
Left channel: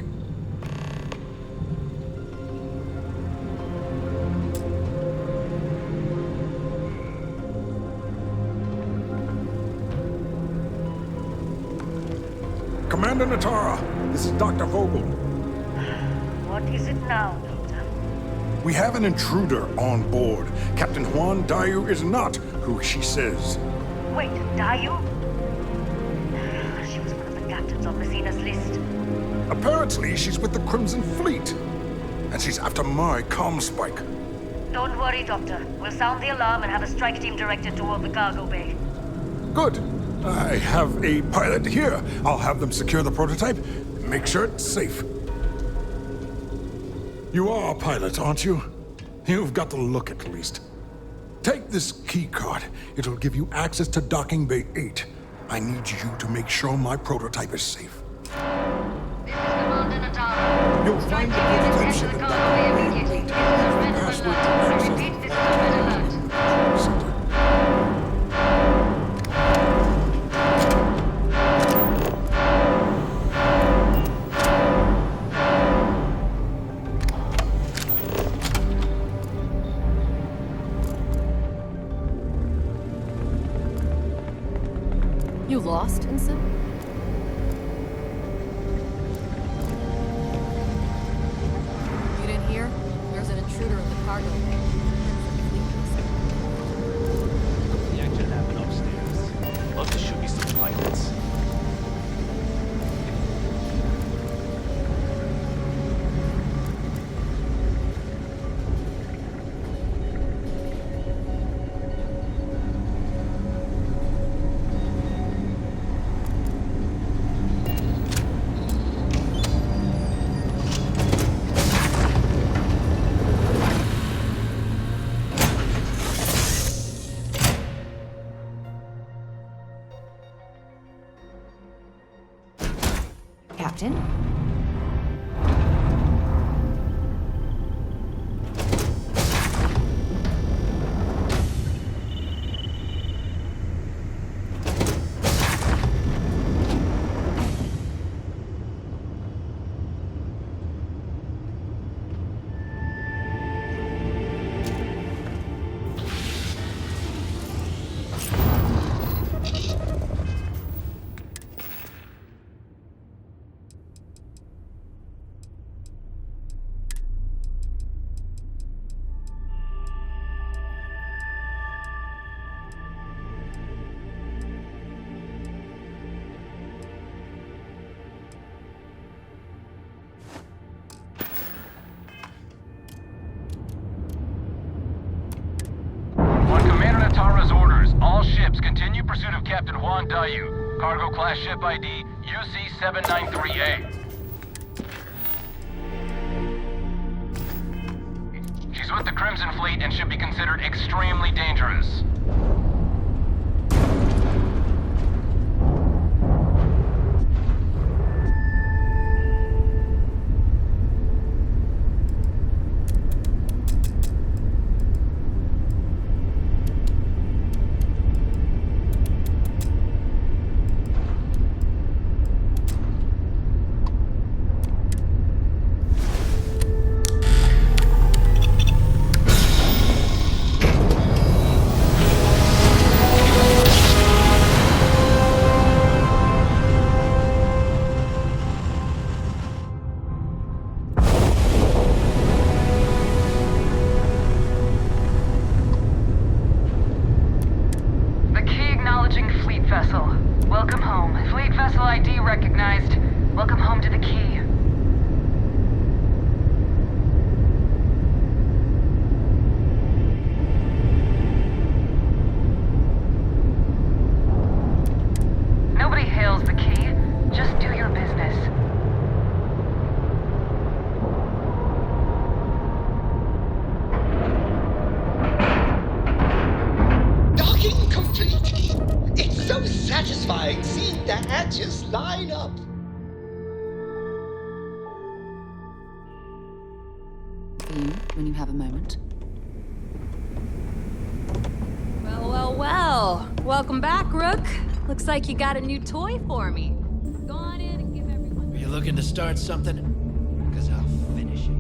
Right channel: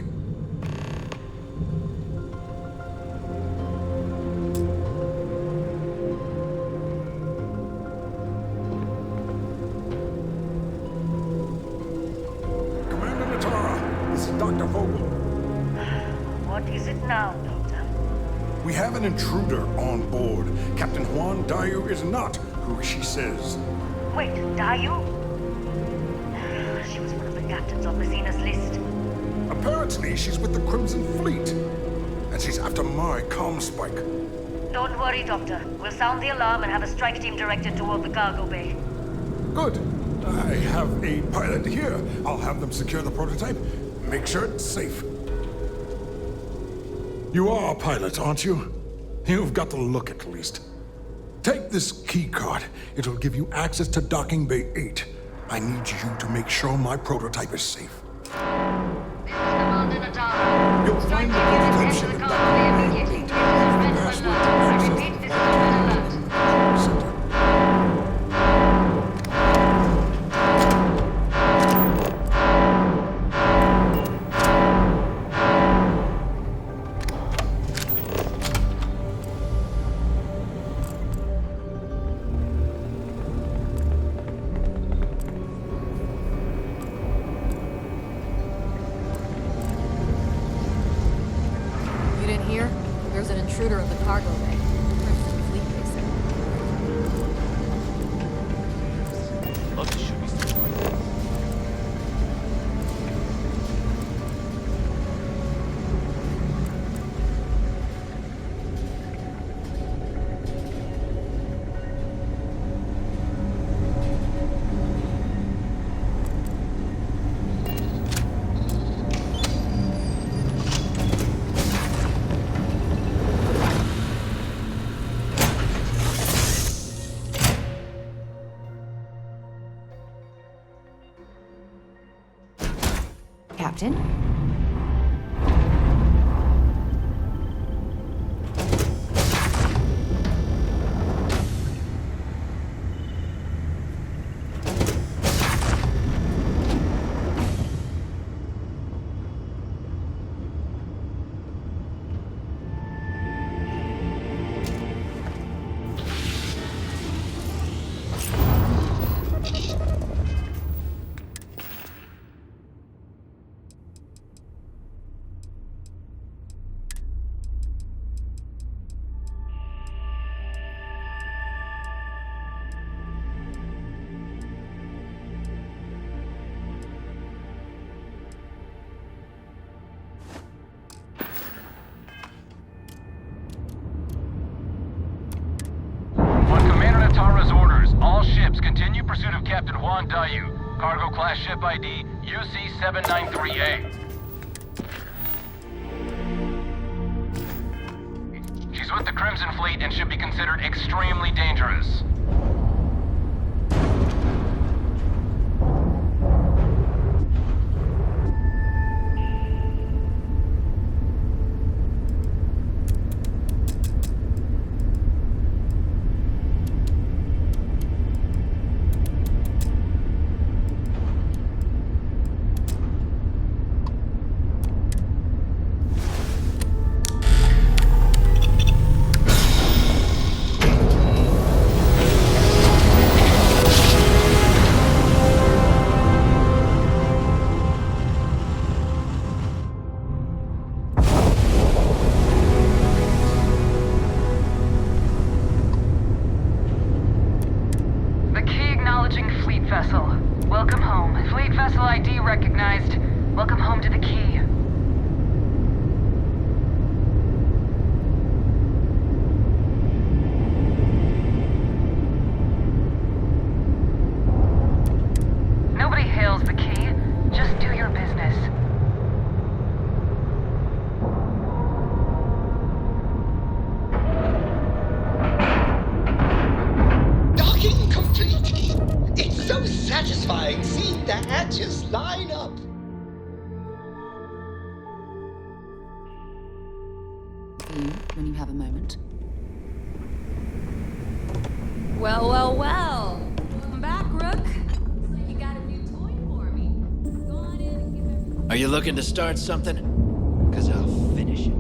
Commander Natara, this is Dr. Vogel. What is it now, Doctor? We have an intruder on board. Captain Juan Dayu is not who she says. Wait, Dayu? She was one of the captains on Messina's list. Apparently, she's with the Crimson Fleet. And she's after my comm spike. Don't worry, Doctor. We'll sound the alarm and have a strike team directed toward the cargo bay. Good. I have a pilot here. I'll have them secure the prototype. Make sure it's safe. You are a pilot, aren't you? You've got the look at least. Take this key card. It'll give you access to Docking Bay 8. I need you to make sure my prototype is safe. This is Commander Natara. You'll find the prototype ship in Docking Bay 8. This is a red Password alert. to I access repeat, the this is a red alert. control center. You lost, Ensign? You didn't hear? There's an intruder in the cargo bay. Crimson Fleet, they said. Yeah, I could have it upstairs. Love to shoot me some pilots. Captain? On Commander Natara's orders, all ships continue pursuit of Captain Juan Dayu. Cargo class ship ID UC-793A. She's with the Crimson Fleet and should be considered extremely dangerous. Vessel. Welcome home. Fleet vessel ID recognized. Welcome home to the Key. Nobody hails the Key. Just do your business. Docking complete! It's so satisfying seeing the hatches line up. For you, when you have a moment. Well, well, well. Welcome back, Rook. Looks like you got a new toy for me. Go on in and give everyone... Are you looking to start something? Because I'll finish it.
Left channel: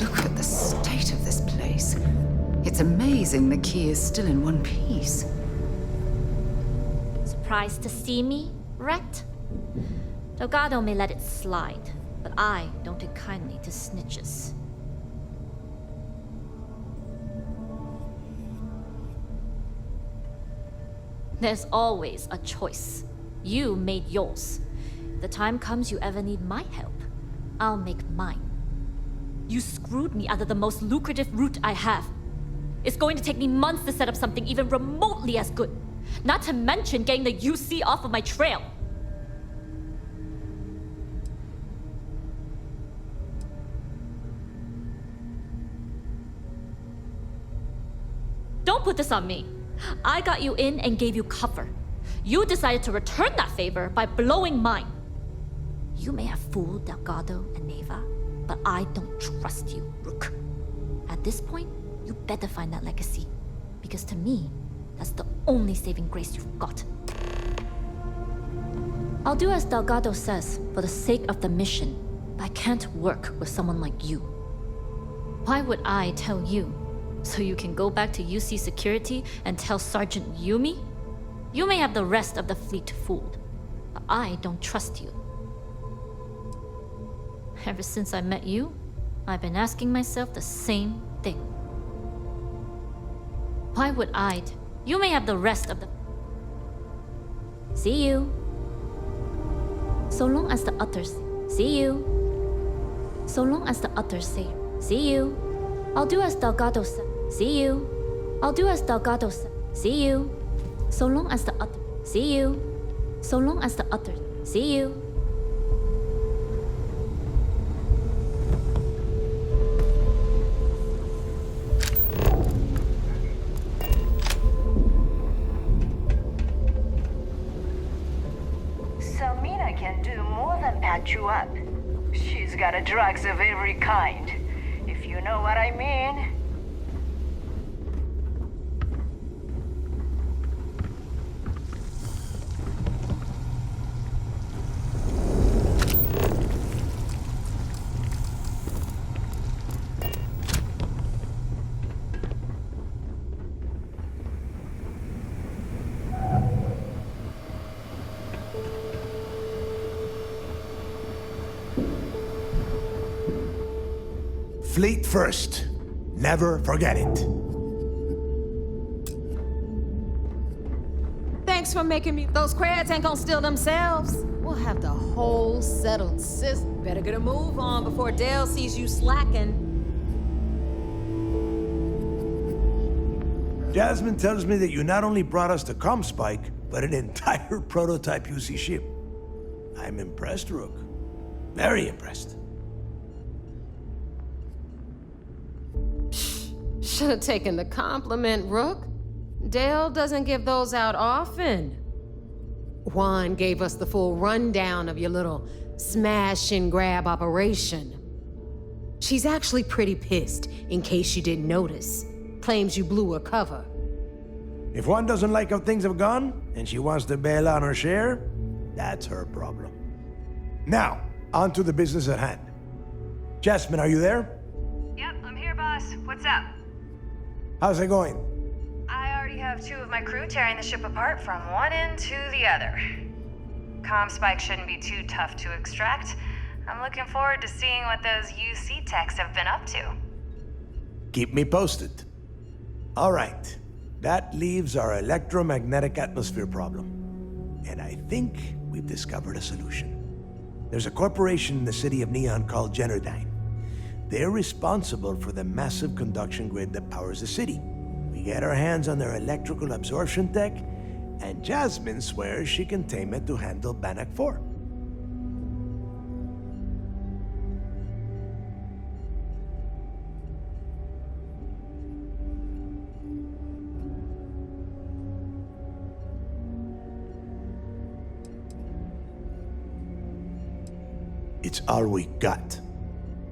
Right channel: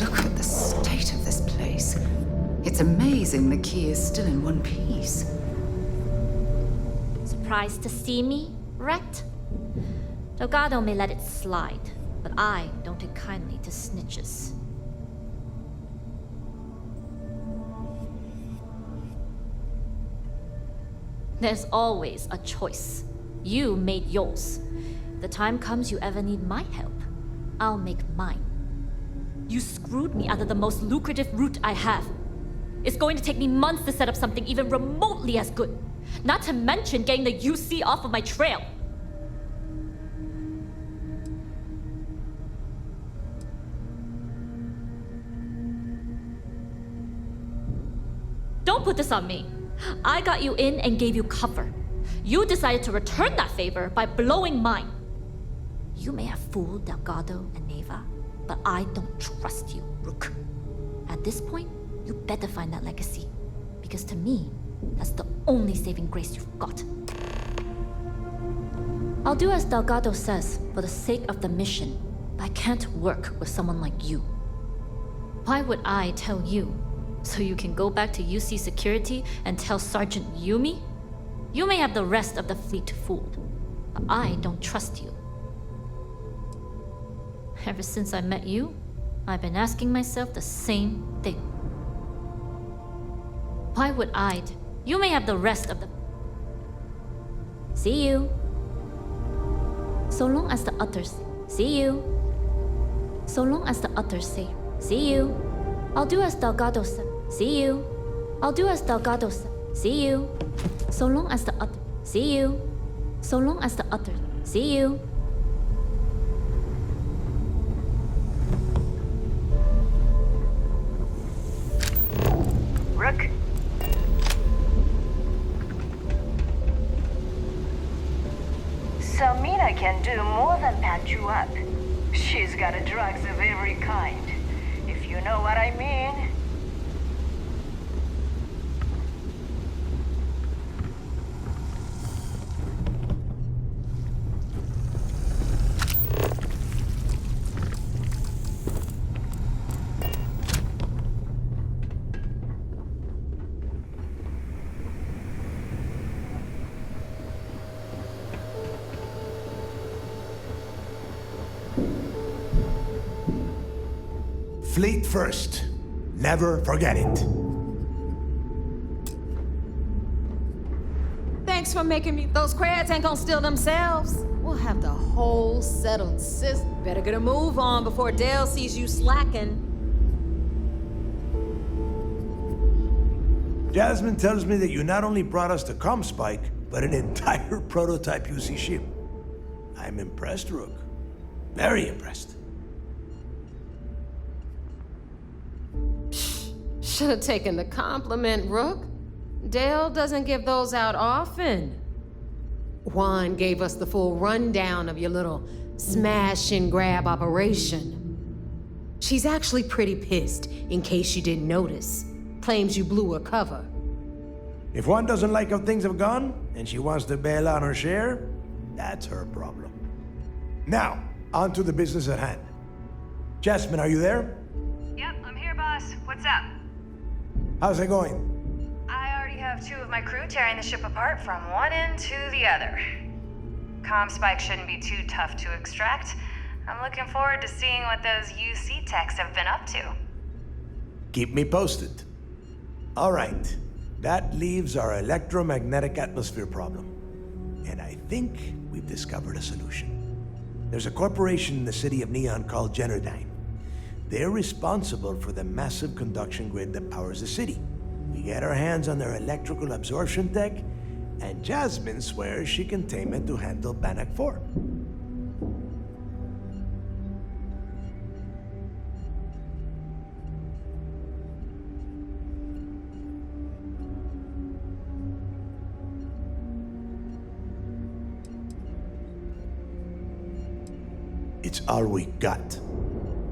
Look at the state of this place. It's amazing the key is still in one piece. Surprised to see me wrecked? Delgado may let it slide, but I don't take kindly to snitches. There's always a choice. You made yours. If the time comes you ever need my help, I'll make mine. You screwed me out of the most lucrative route I have. It's going to take me months to set up something even remotely as good. Not to mention getting the UC off of my trail. Don't put this on me. I got you in and gave you cover. You decided to return that favor by blowing mine. You may have fooled Delgado and Neva, but I don't trust you, Rook. At this point, you better find that legacy. Because to me, that's the only saving grace you've got. I'll do as Delgado says for the sake of the mission, but I can't work with someone like you. Why would I tell you? So you can go back to UC security and tell Sergeant Yumi? You may have the rest of the fleet fooled, but I don't trust you. Ever since I met you, I've been asking myself the same thing. Why would I? You may have the rest of the... See you. So long as the others... See you. So long as the others say, see you. I'll do as Delgado said. See you. I'll do as Delgado said. See you. So long as the other. See you. So long as the others. See you. Rook? Samina can do more than patch you up. She's got a drugs of every kind. If you know what I mean. Fleet first. Never forget it. Thanks for making me... Those crabs ain't gonna steal themselves. We'll have the whole settled system. Better get a move on before Dale sees you slacking. Jasmine tells me that you not only brought us the Comspike, but an entire prototype UC ship. I'm impressed, Rook. Very impressed. Should have taken the compliment, Rook. Dale doesn't give those out often. Juan gave us the full rundown of your little smash and grab operation. She's actually pretty pissed, in case you didn't notice. Claims you blew her cover. If one doesn't like how things have gone, and she wants to bail on her share, that's her problem. Now, on to the business at hand. Jasmine, are you there? Yep, I'm here, boss. What's up? How's it going? I already have 2 of my crew tearing the ship apart from one end to the other. Comspike shouldn't be too tough to extract. I'm looking forward to seeing what those UC techs have been up to. Keep me posted. All right. That leaves our electromagnetic atmosphere problem. And I think we've discovered a solution. There's a corporation in the city of Neon called Generdyne. They're responsible for the massive conduction grid that powers the city. We get our hands on their electrical absorption tech, and Jasmine swears she can tame it to handle Bannock 4. It's all we got.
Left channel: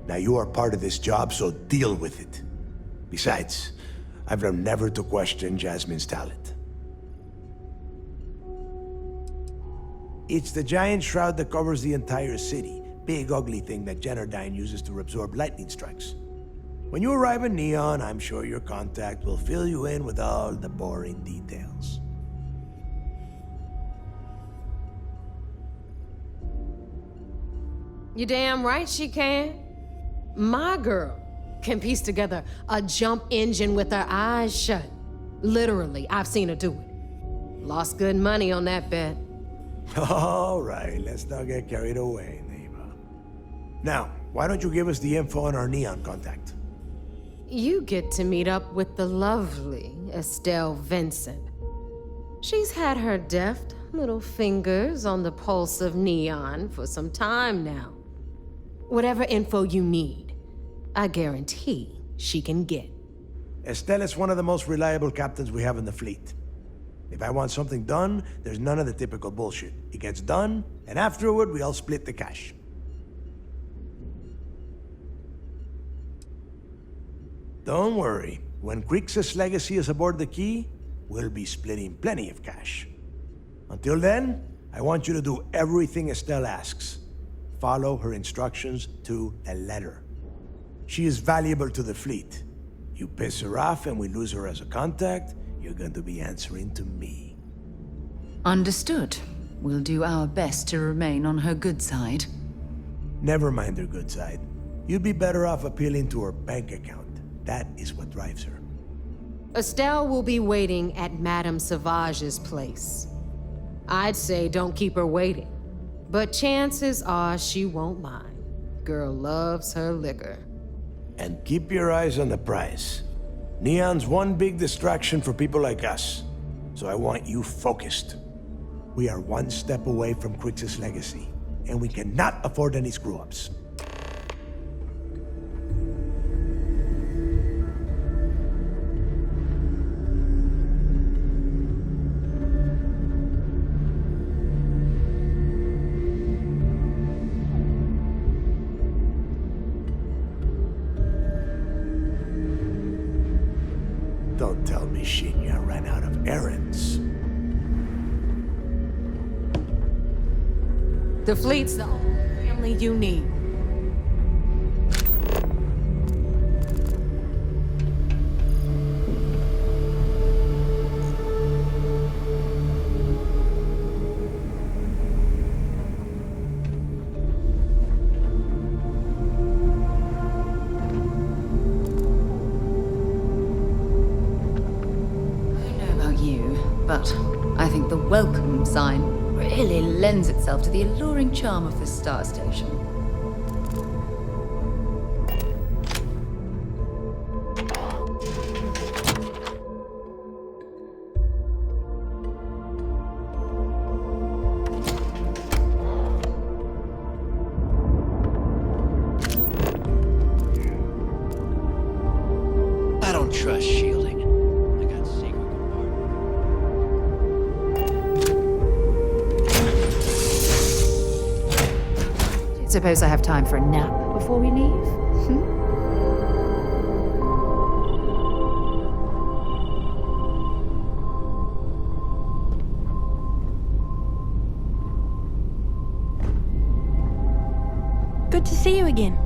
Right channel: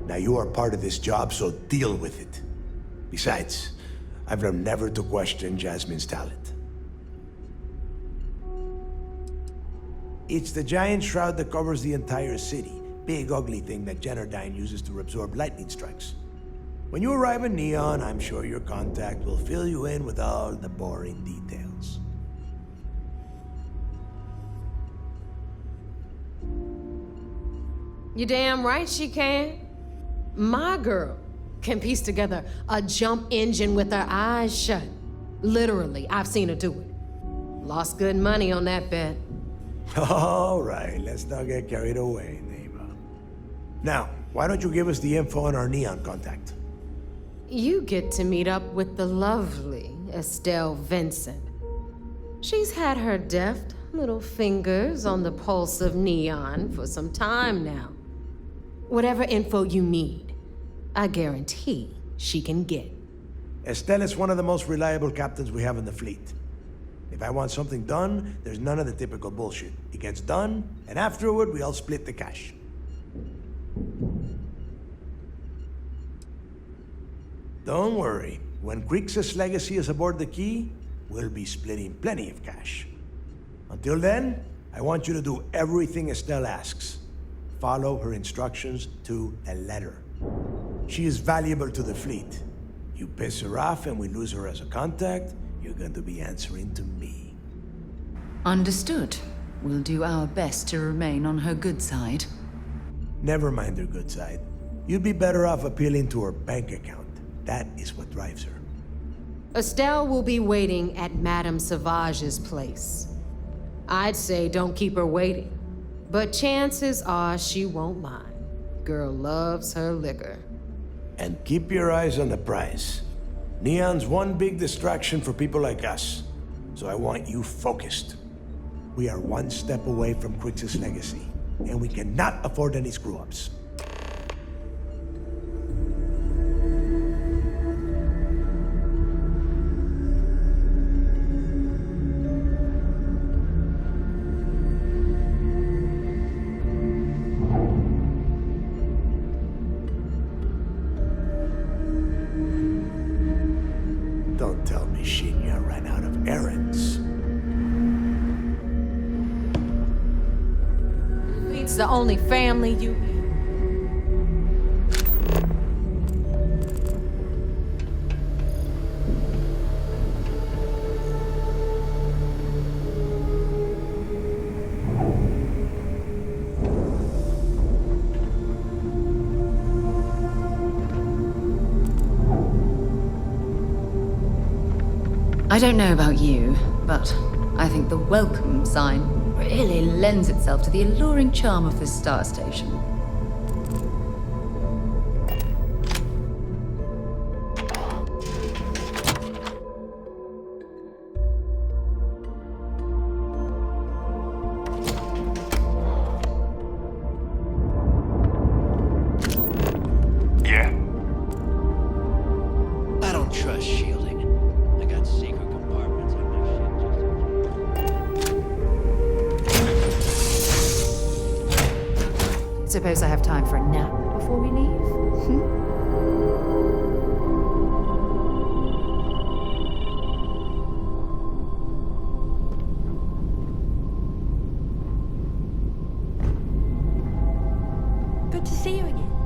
Now you are part of this job, so deal with it. Besides, I've learned never to question Jasmine's talent. It's the giant shroud that covers the entire city. Big ugly thing that Generdyne uses to absorb lightning strikes. When you arrive in Neon, I'm sure your contact will fill you in with all the boring details. You damn right she can. My girl can piece together a jump engine with her eyes shut. Literally, I've seen her do it. Lost good money on that bet. All right, let's not get carried away, neighbor. Now, why don't you give us the info on our Neon contact? You get to meet up with the lovely Estelle Vincent. She's had her deft little fingers on the pulse of Neon for some time now. Whatever info you need, I guarantee she can get. Estelle is one of the most reliable captains we have in the fleet. If I want something done, there's none of the typical bullshit. It gets done, and afterward, we all split the cash. Don't worry. When Crixus' legacy is aboard the Key, we'll be splitting plenty of cash. Until then, I want you to do everything Estelle asks. Follow her instructions to a letter. She is valuable to the fleet. You piss her off and we lose her as a contact, you're going to be answering to me. Understood. We'll do our best to remain on her good side. Never mind her good side. You'd be better off appealing to her bank account. That is what drives her. Estelle will be waiting at Madame Sauvage's place. I'd say don't keep her waiting, but chances are she won't mind. Girl loves her liquor. And keep your eyes on the prize. Neon's one big distraction for people like us, so I want you focused. We are one step away from Crixus' legacy, and we cannot afford any screw-ups. Don't tell me Shinya ran out of errands. The fleet's the only family you need. I don't know about you, but I think the welcome sign really lends itself to the alluring charm of this star station. Yeah. I don't trust shielding. I got secret compartments on Suppose I have time for a nap before we leave? Good to see you again.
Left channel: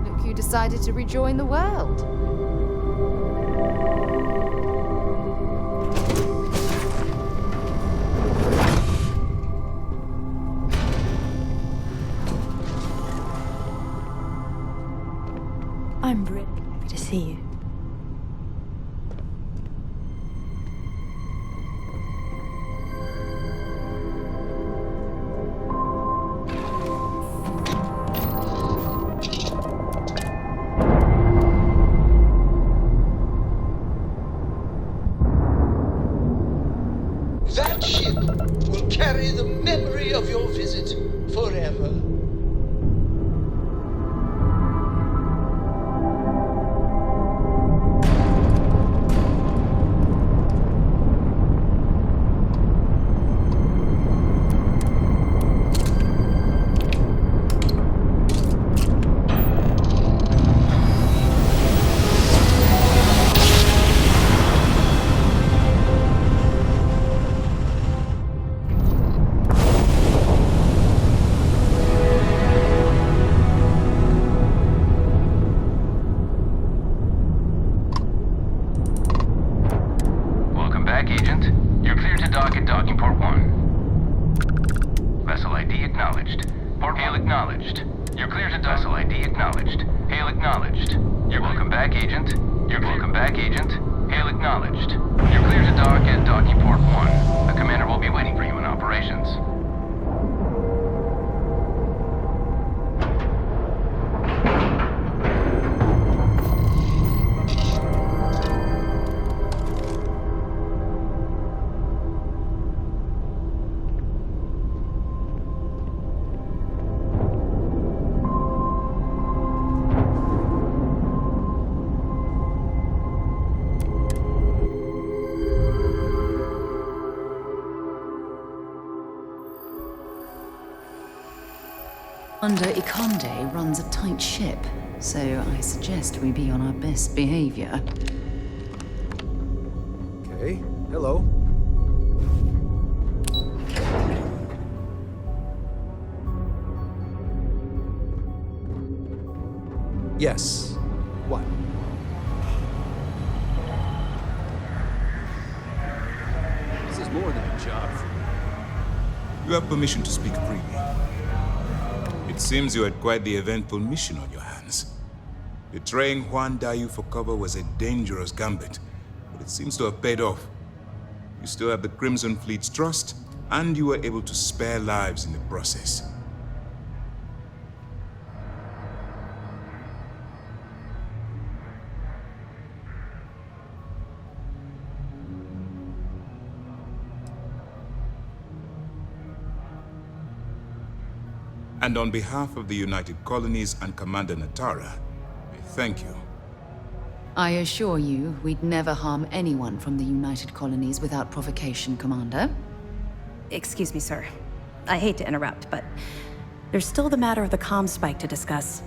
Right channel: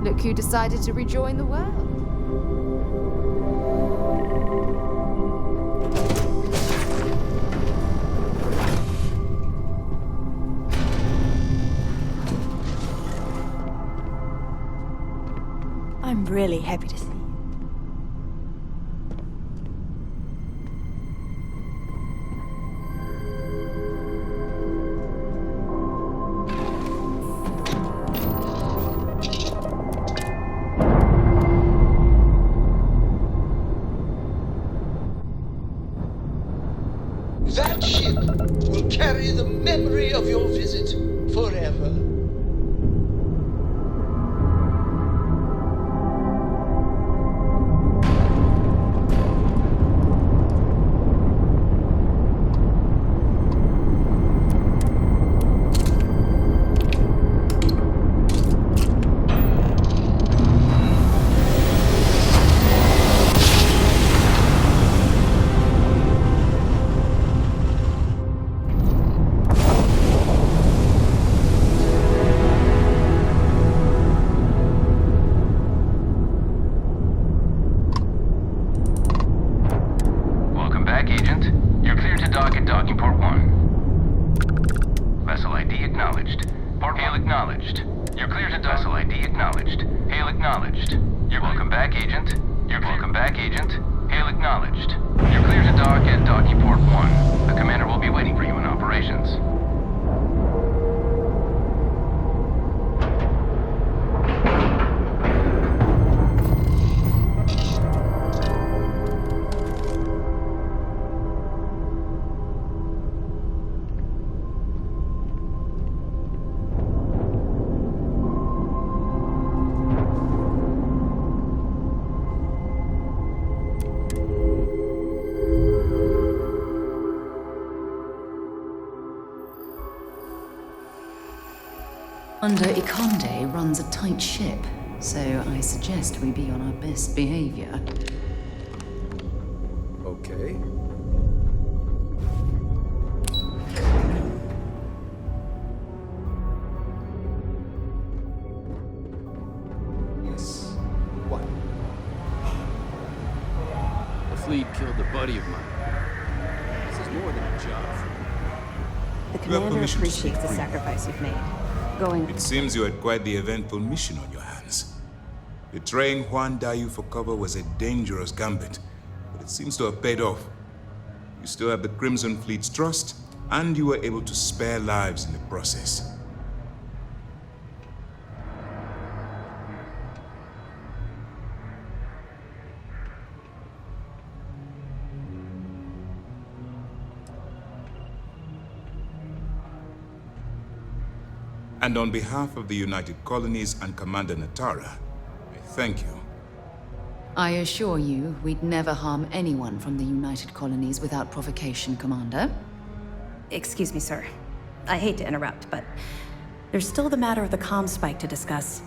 Look who decided to rejoin the world. I'm really happy to see you. That ship will carry carry the memory of your visit forever. Commander Ikonde runs a tight ship, so I suggest we be on our best behavior. Okay. Hello. Yes. What? The fleet killed a buddy of mine. This is more than a job for me. You have permission to speak freely. It seems you had quite the eventful mission on your hands. Betraying Juan Dayu for cover was a dangerous gambit, but it seems to have paid off. You still have the Crimson Fleet's trust, and you were able to spare lives in the process. And on behalf of the United Colonies and Commander Natara, I thank you. I assure you, we'd never harm anyone from the United Colonies without provocation, Commander. Excuse me, sir. I hate to interrupt, but there's still the matter of the comm spike to discuss.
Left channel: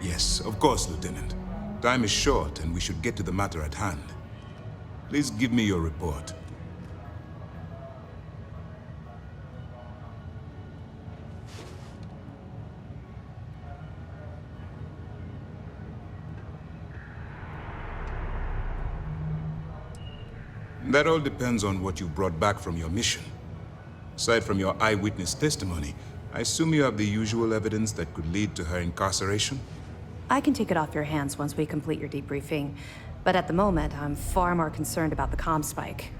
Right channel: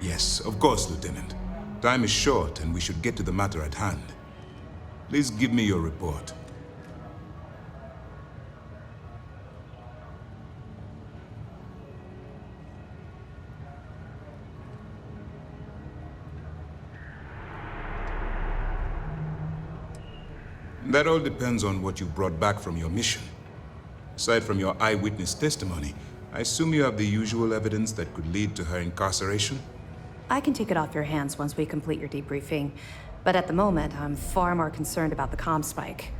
Yes, of course, Lieutenant. Time is short, and we should get to the matter at hand. Please give me your report. That all depends on what you brought back from your mission. Aside from your eyewitness testimony, I assume you have the usual evidence that could lead to her incarceration? I can take it off your hands once we complete your debriefing, but at the moment, I'm far more concerned about the comm spike.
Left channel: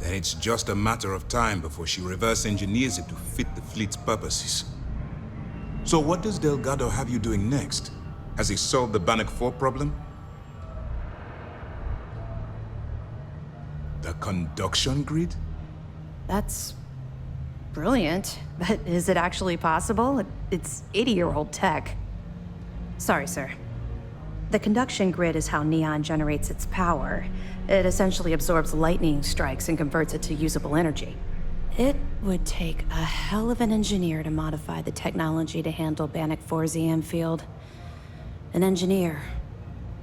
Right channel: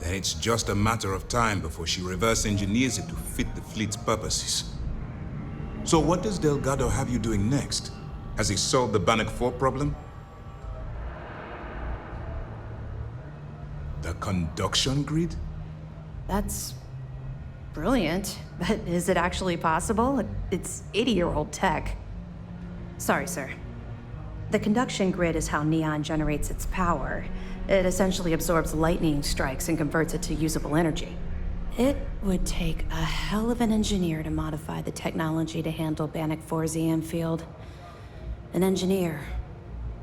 Then it's just a matter of time before she reverse engineers it to fit the fleet's purposes. So what does Delgado have you doing next? Has he solved the Bannock 4 problem? The conduction grid? That's brilliant, but is it actually possible? It's 80-year-old tech. Sorry, sir. The conduction grid is how Neon generates its power. It essentially absorbs lightning strikes and converts it to usable energy. It would take a hell of an engineer to modify the technology to handle Bannock 4's EM field. An engineer,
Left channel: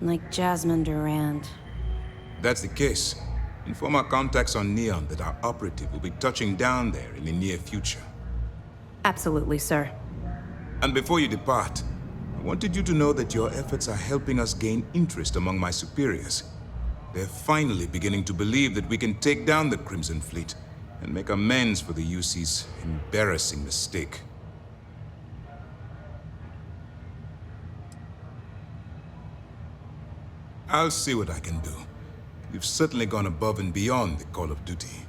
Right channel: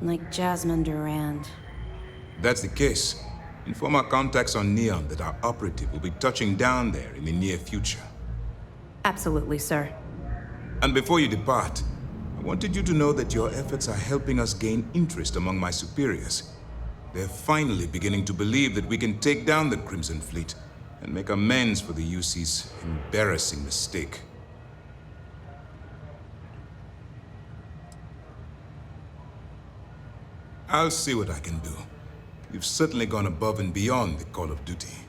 like Jasmine Durand. If that's the case, inform our contacts on Neon that our operative will be touching down there in the near future. Absolutely, sir. And before you depart, I wanted you to know that your efforts are helping us gain interest among my superiors. They're finally beginning to believe that we can take down the Crimson Fleet and make amends for the UC's embarrassing mistake. I'll see what I can do. You've certainly gone above and beyond the call of duty.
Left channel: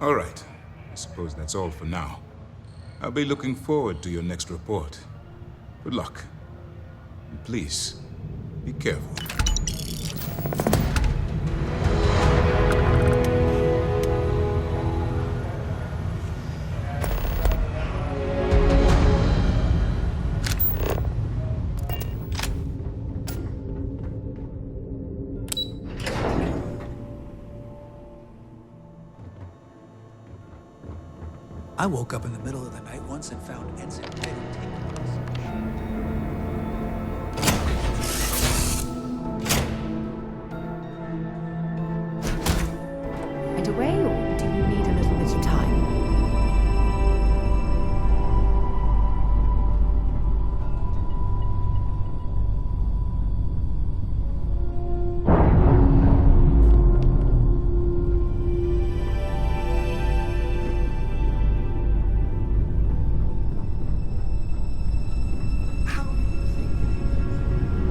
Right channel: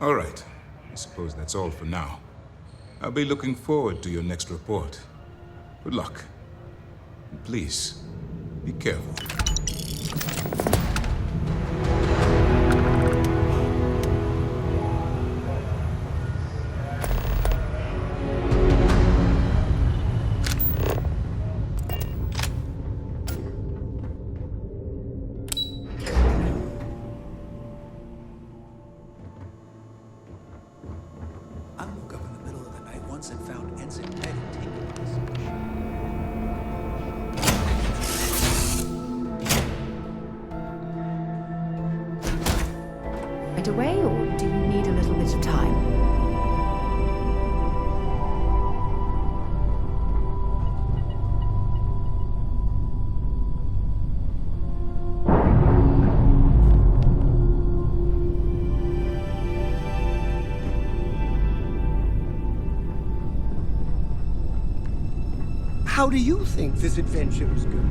All right, I suppose that's all for now. I'll be looking forward to your next report. Good luck. And please, be careful. I woke up in the middle of the night once and found Ensign Ed had taken us. Right away, or do you need a little bit of time? How do you think this adventure is going?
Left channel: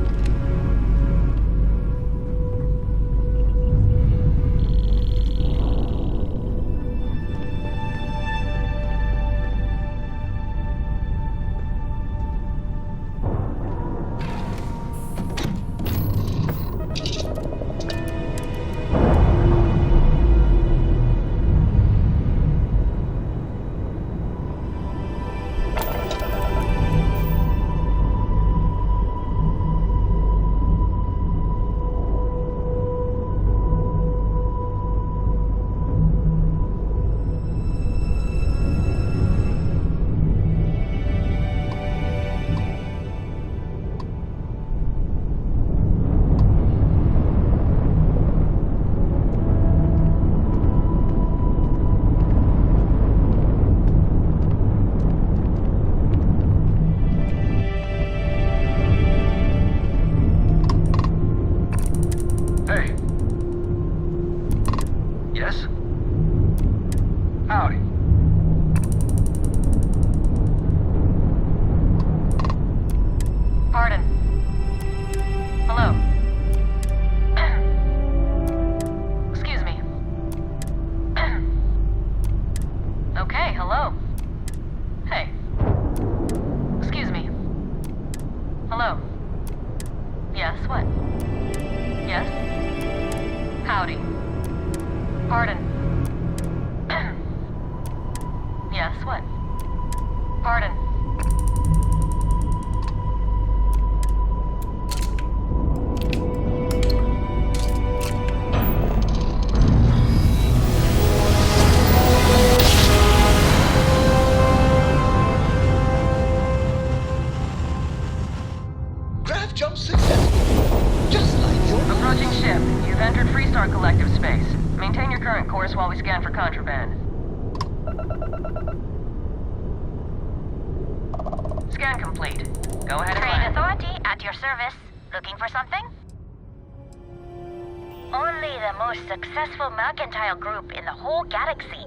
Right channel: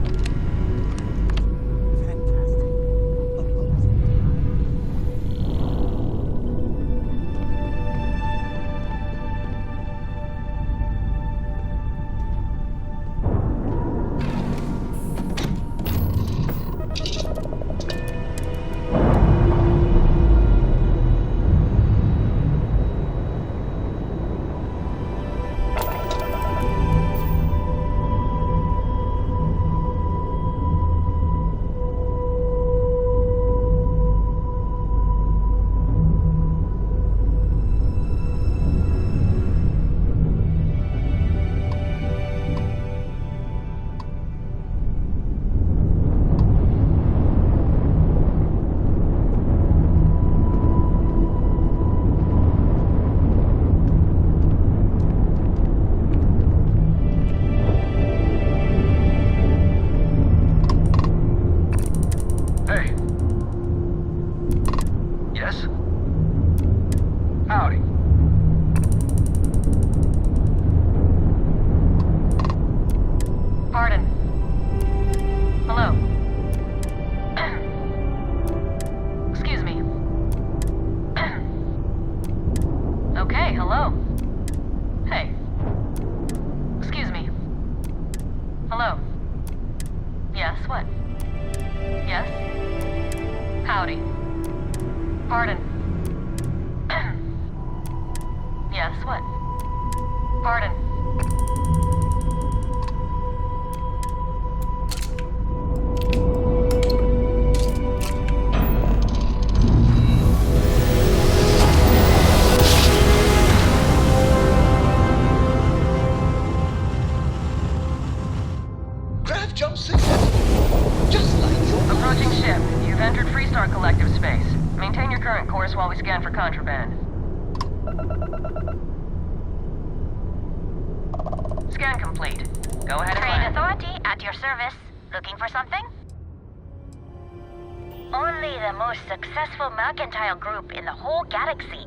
Group in the whole galaxy.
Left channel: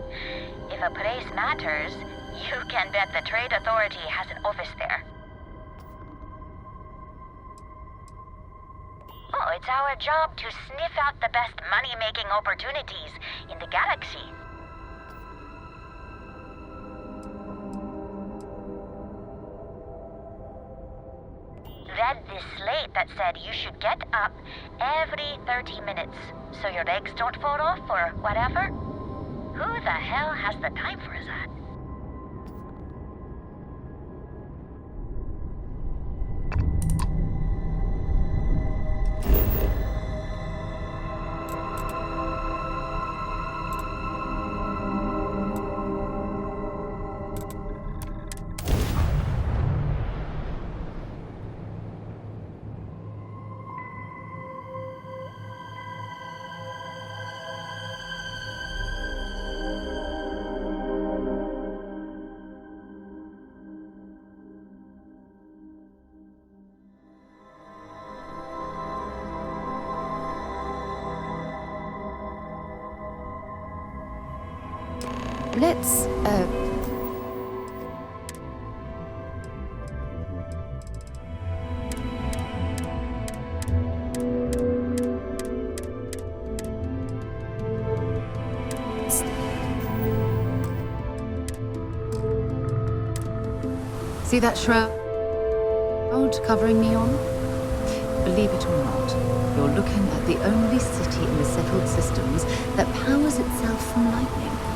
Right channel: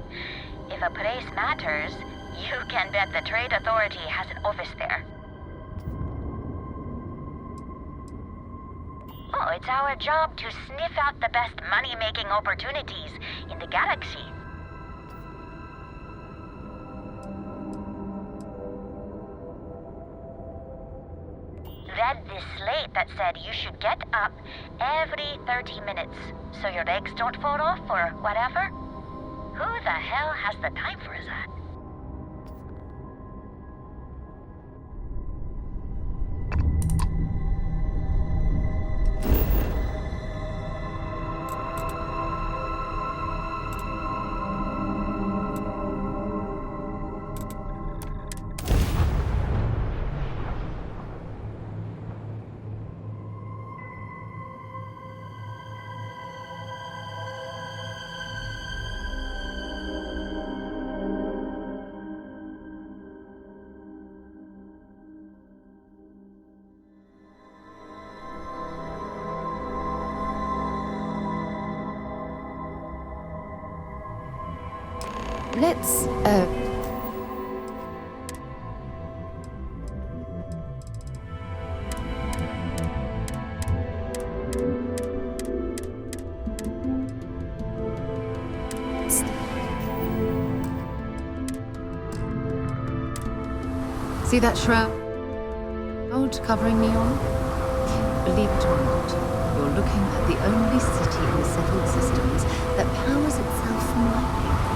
If a place matters, you can bet the Trade Authority has an office there. Oh, it's our job to sniff out the best money-making opportunities in the galaxy. Read this slate that said you should get up every 30 minutes so your legs don't fall off or whatever. Who the hell has the time for that? Let's, see that shroud covering me on? Believe it or not, you're looking at the only city in the settled systems that powers itself from lightning.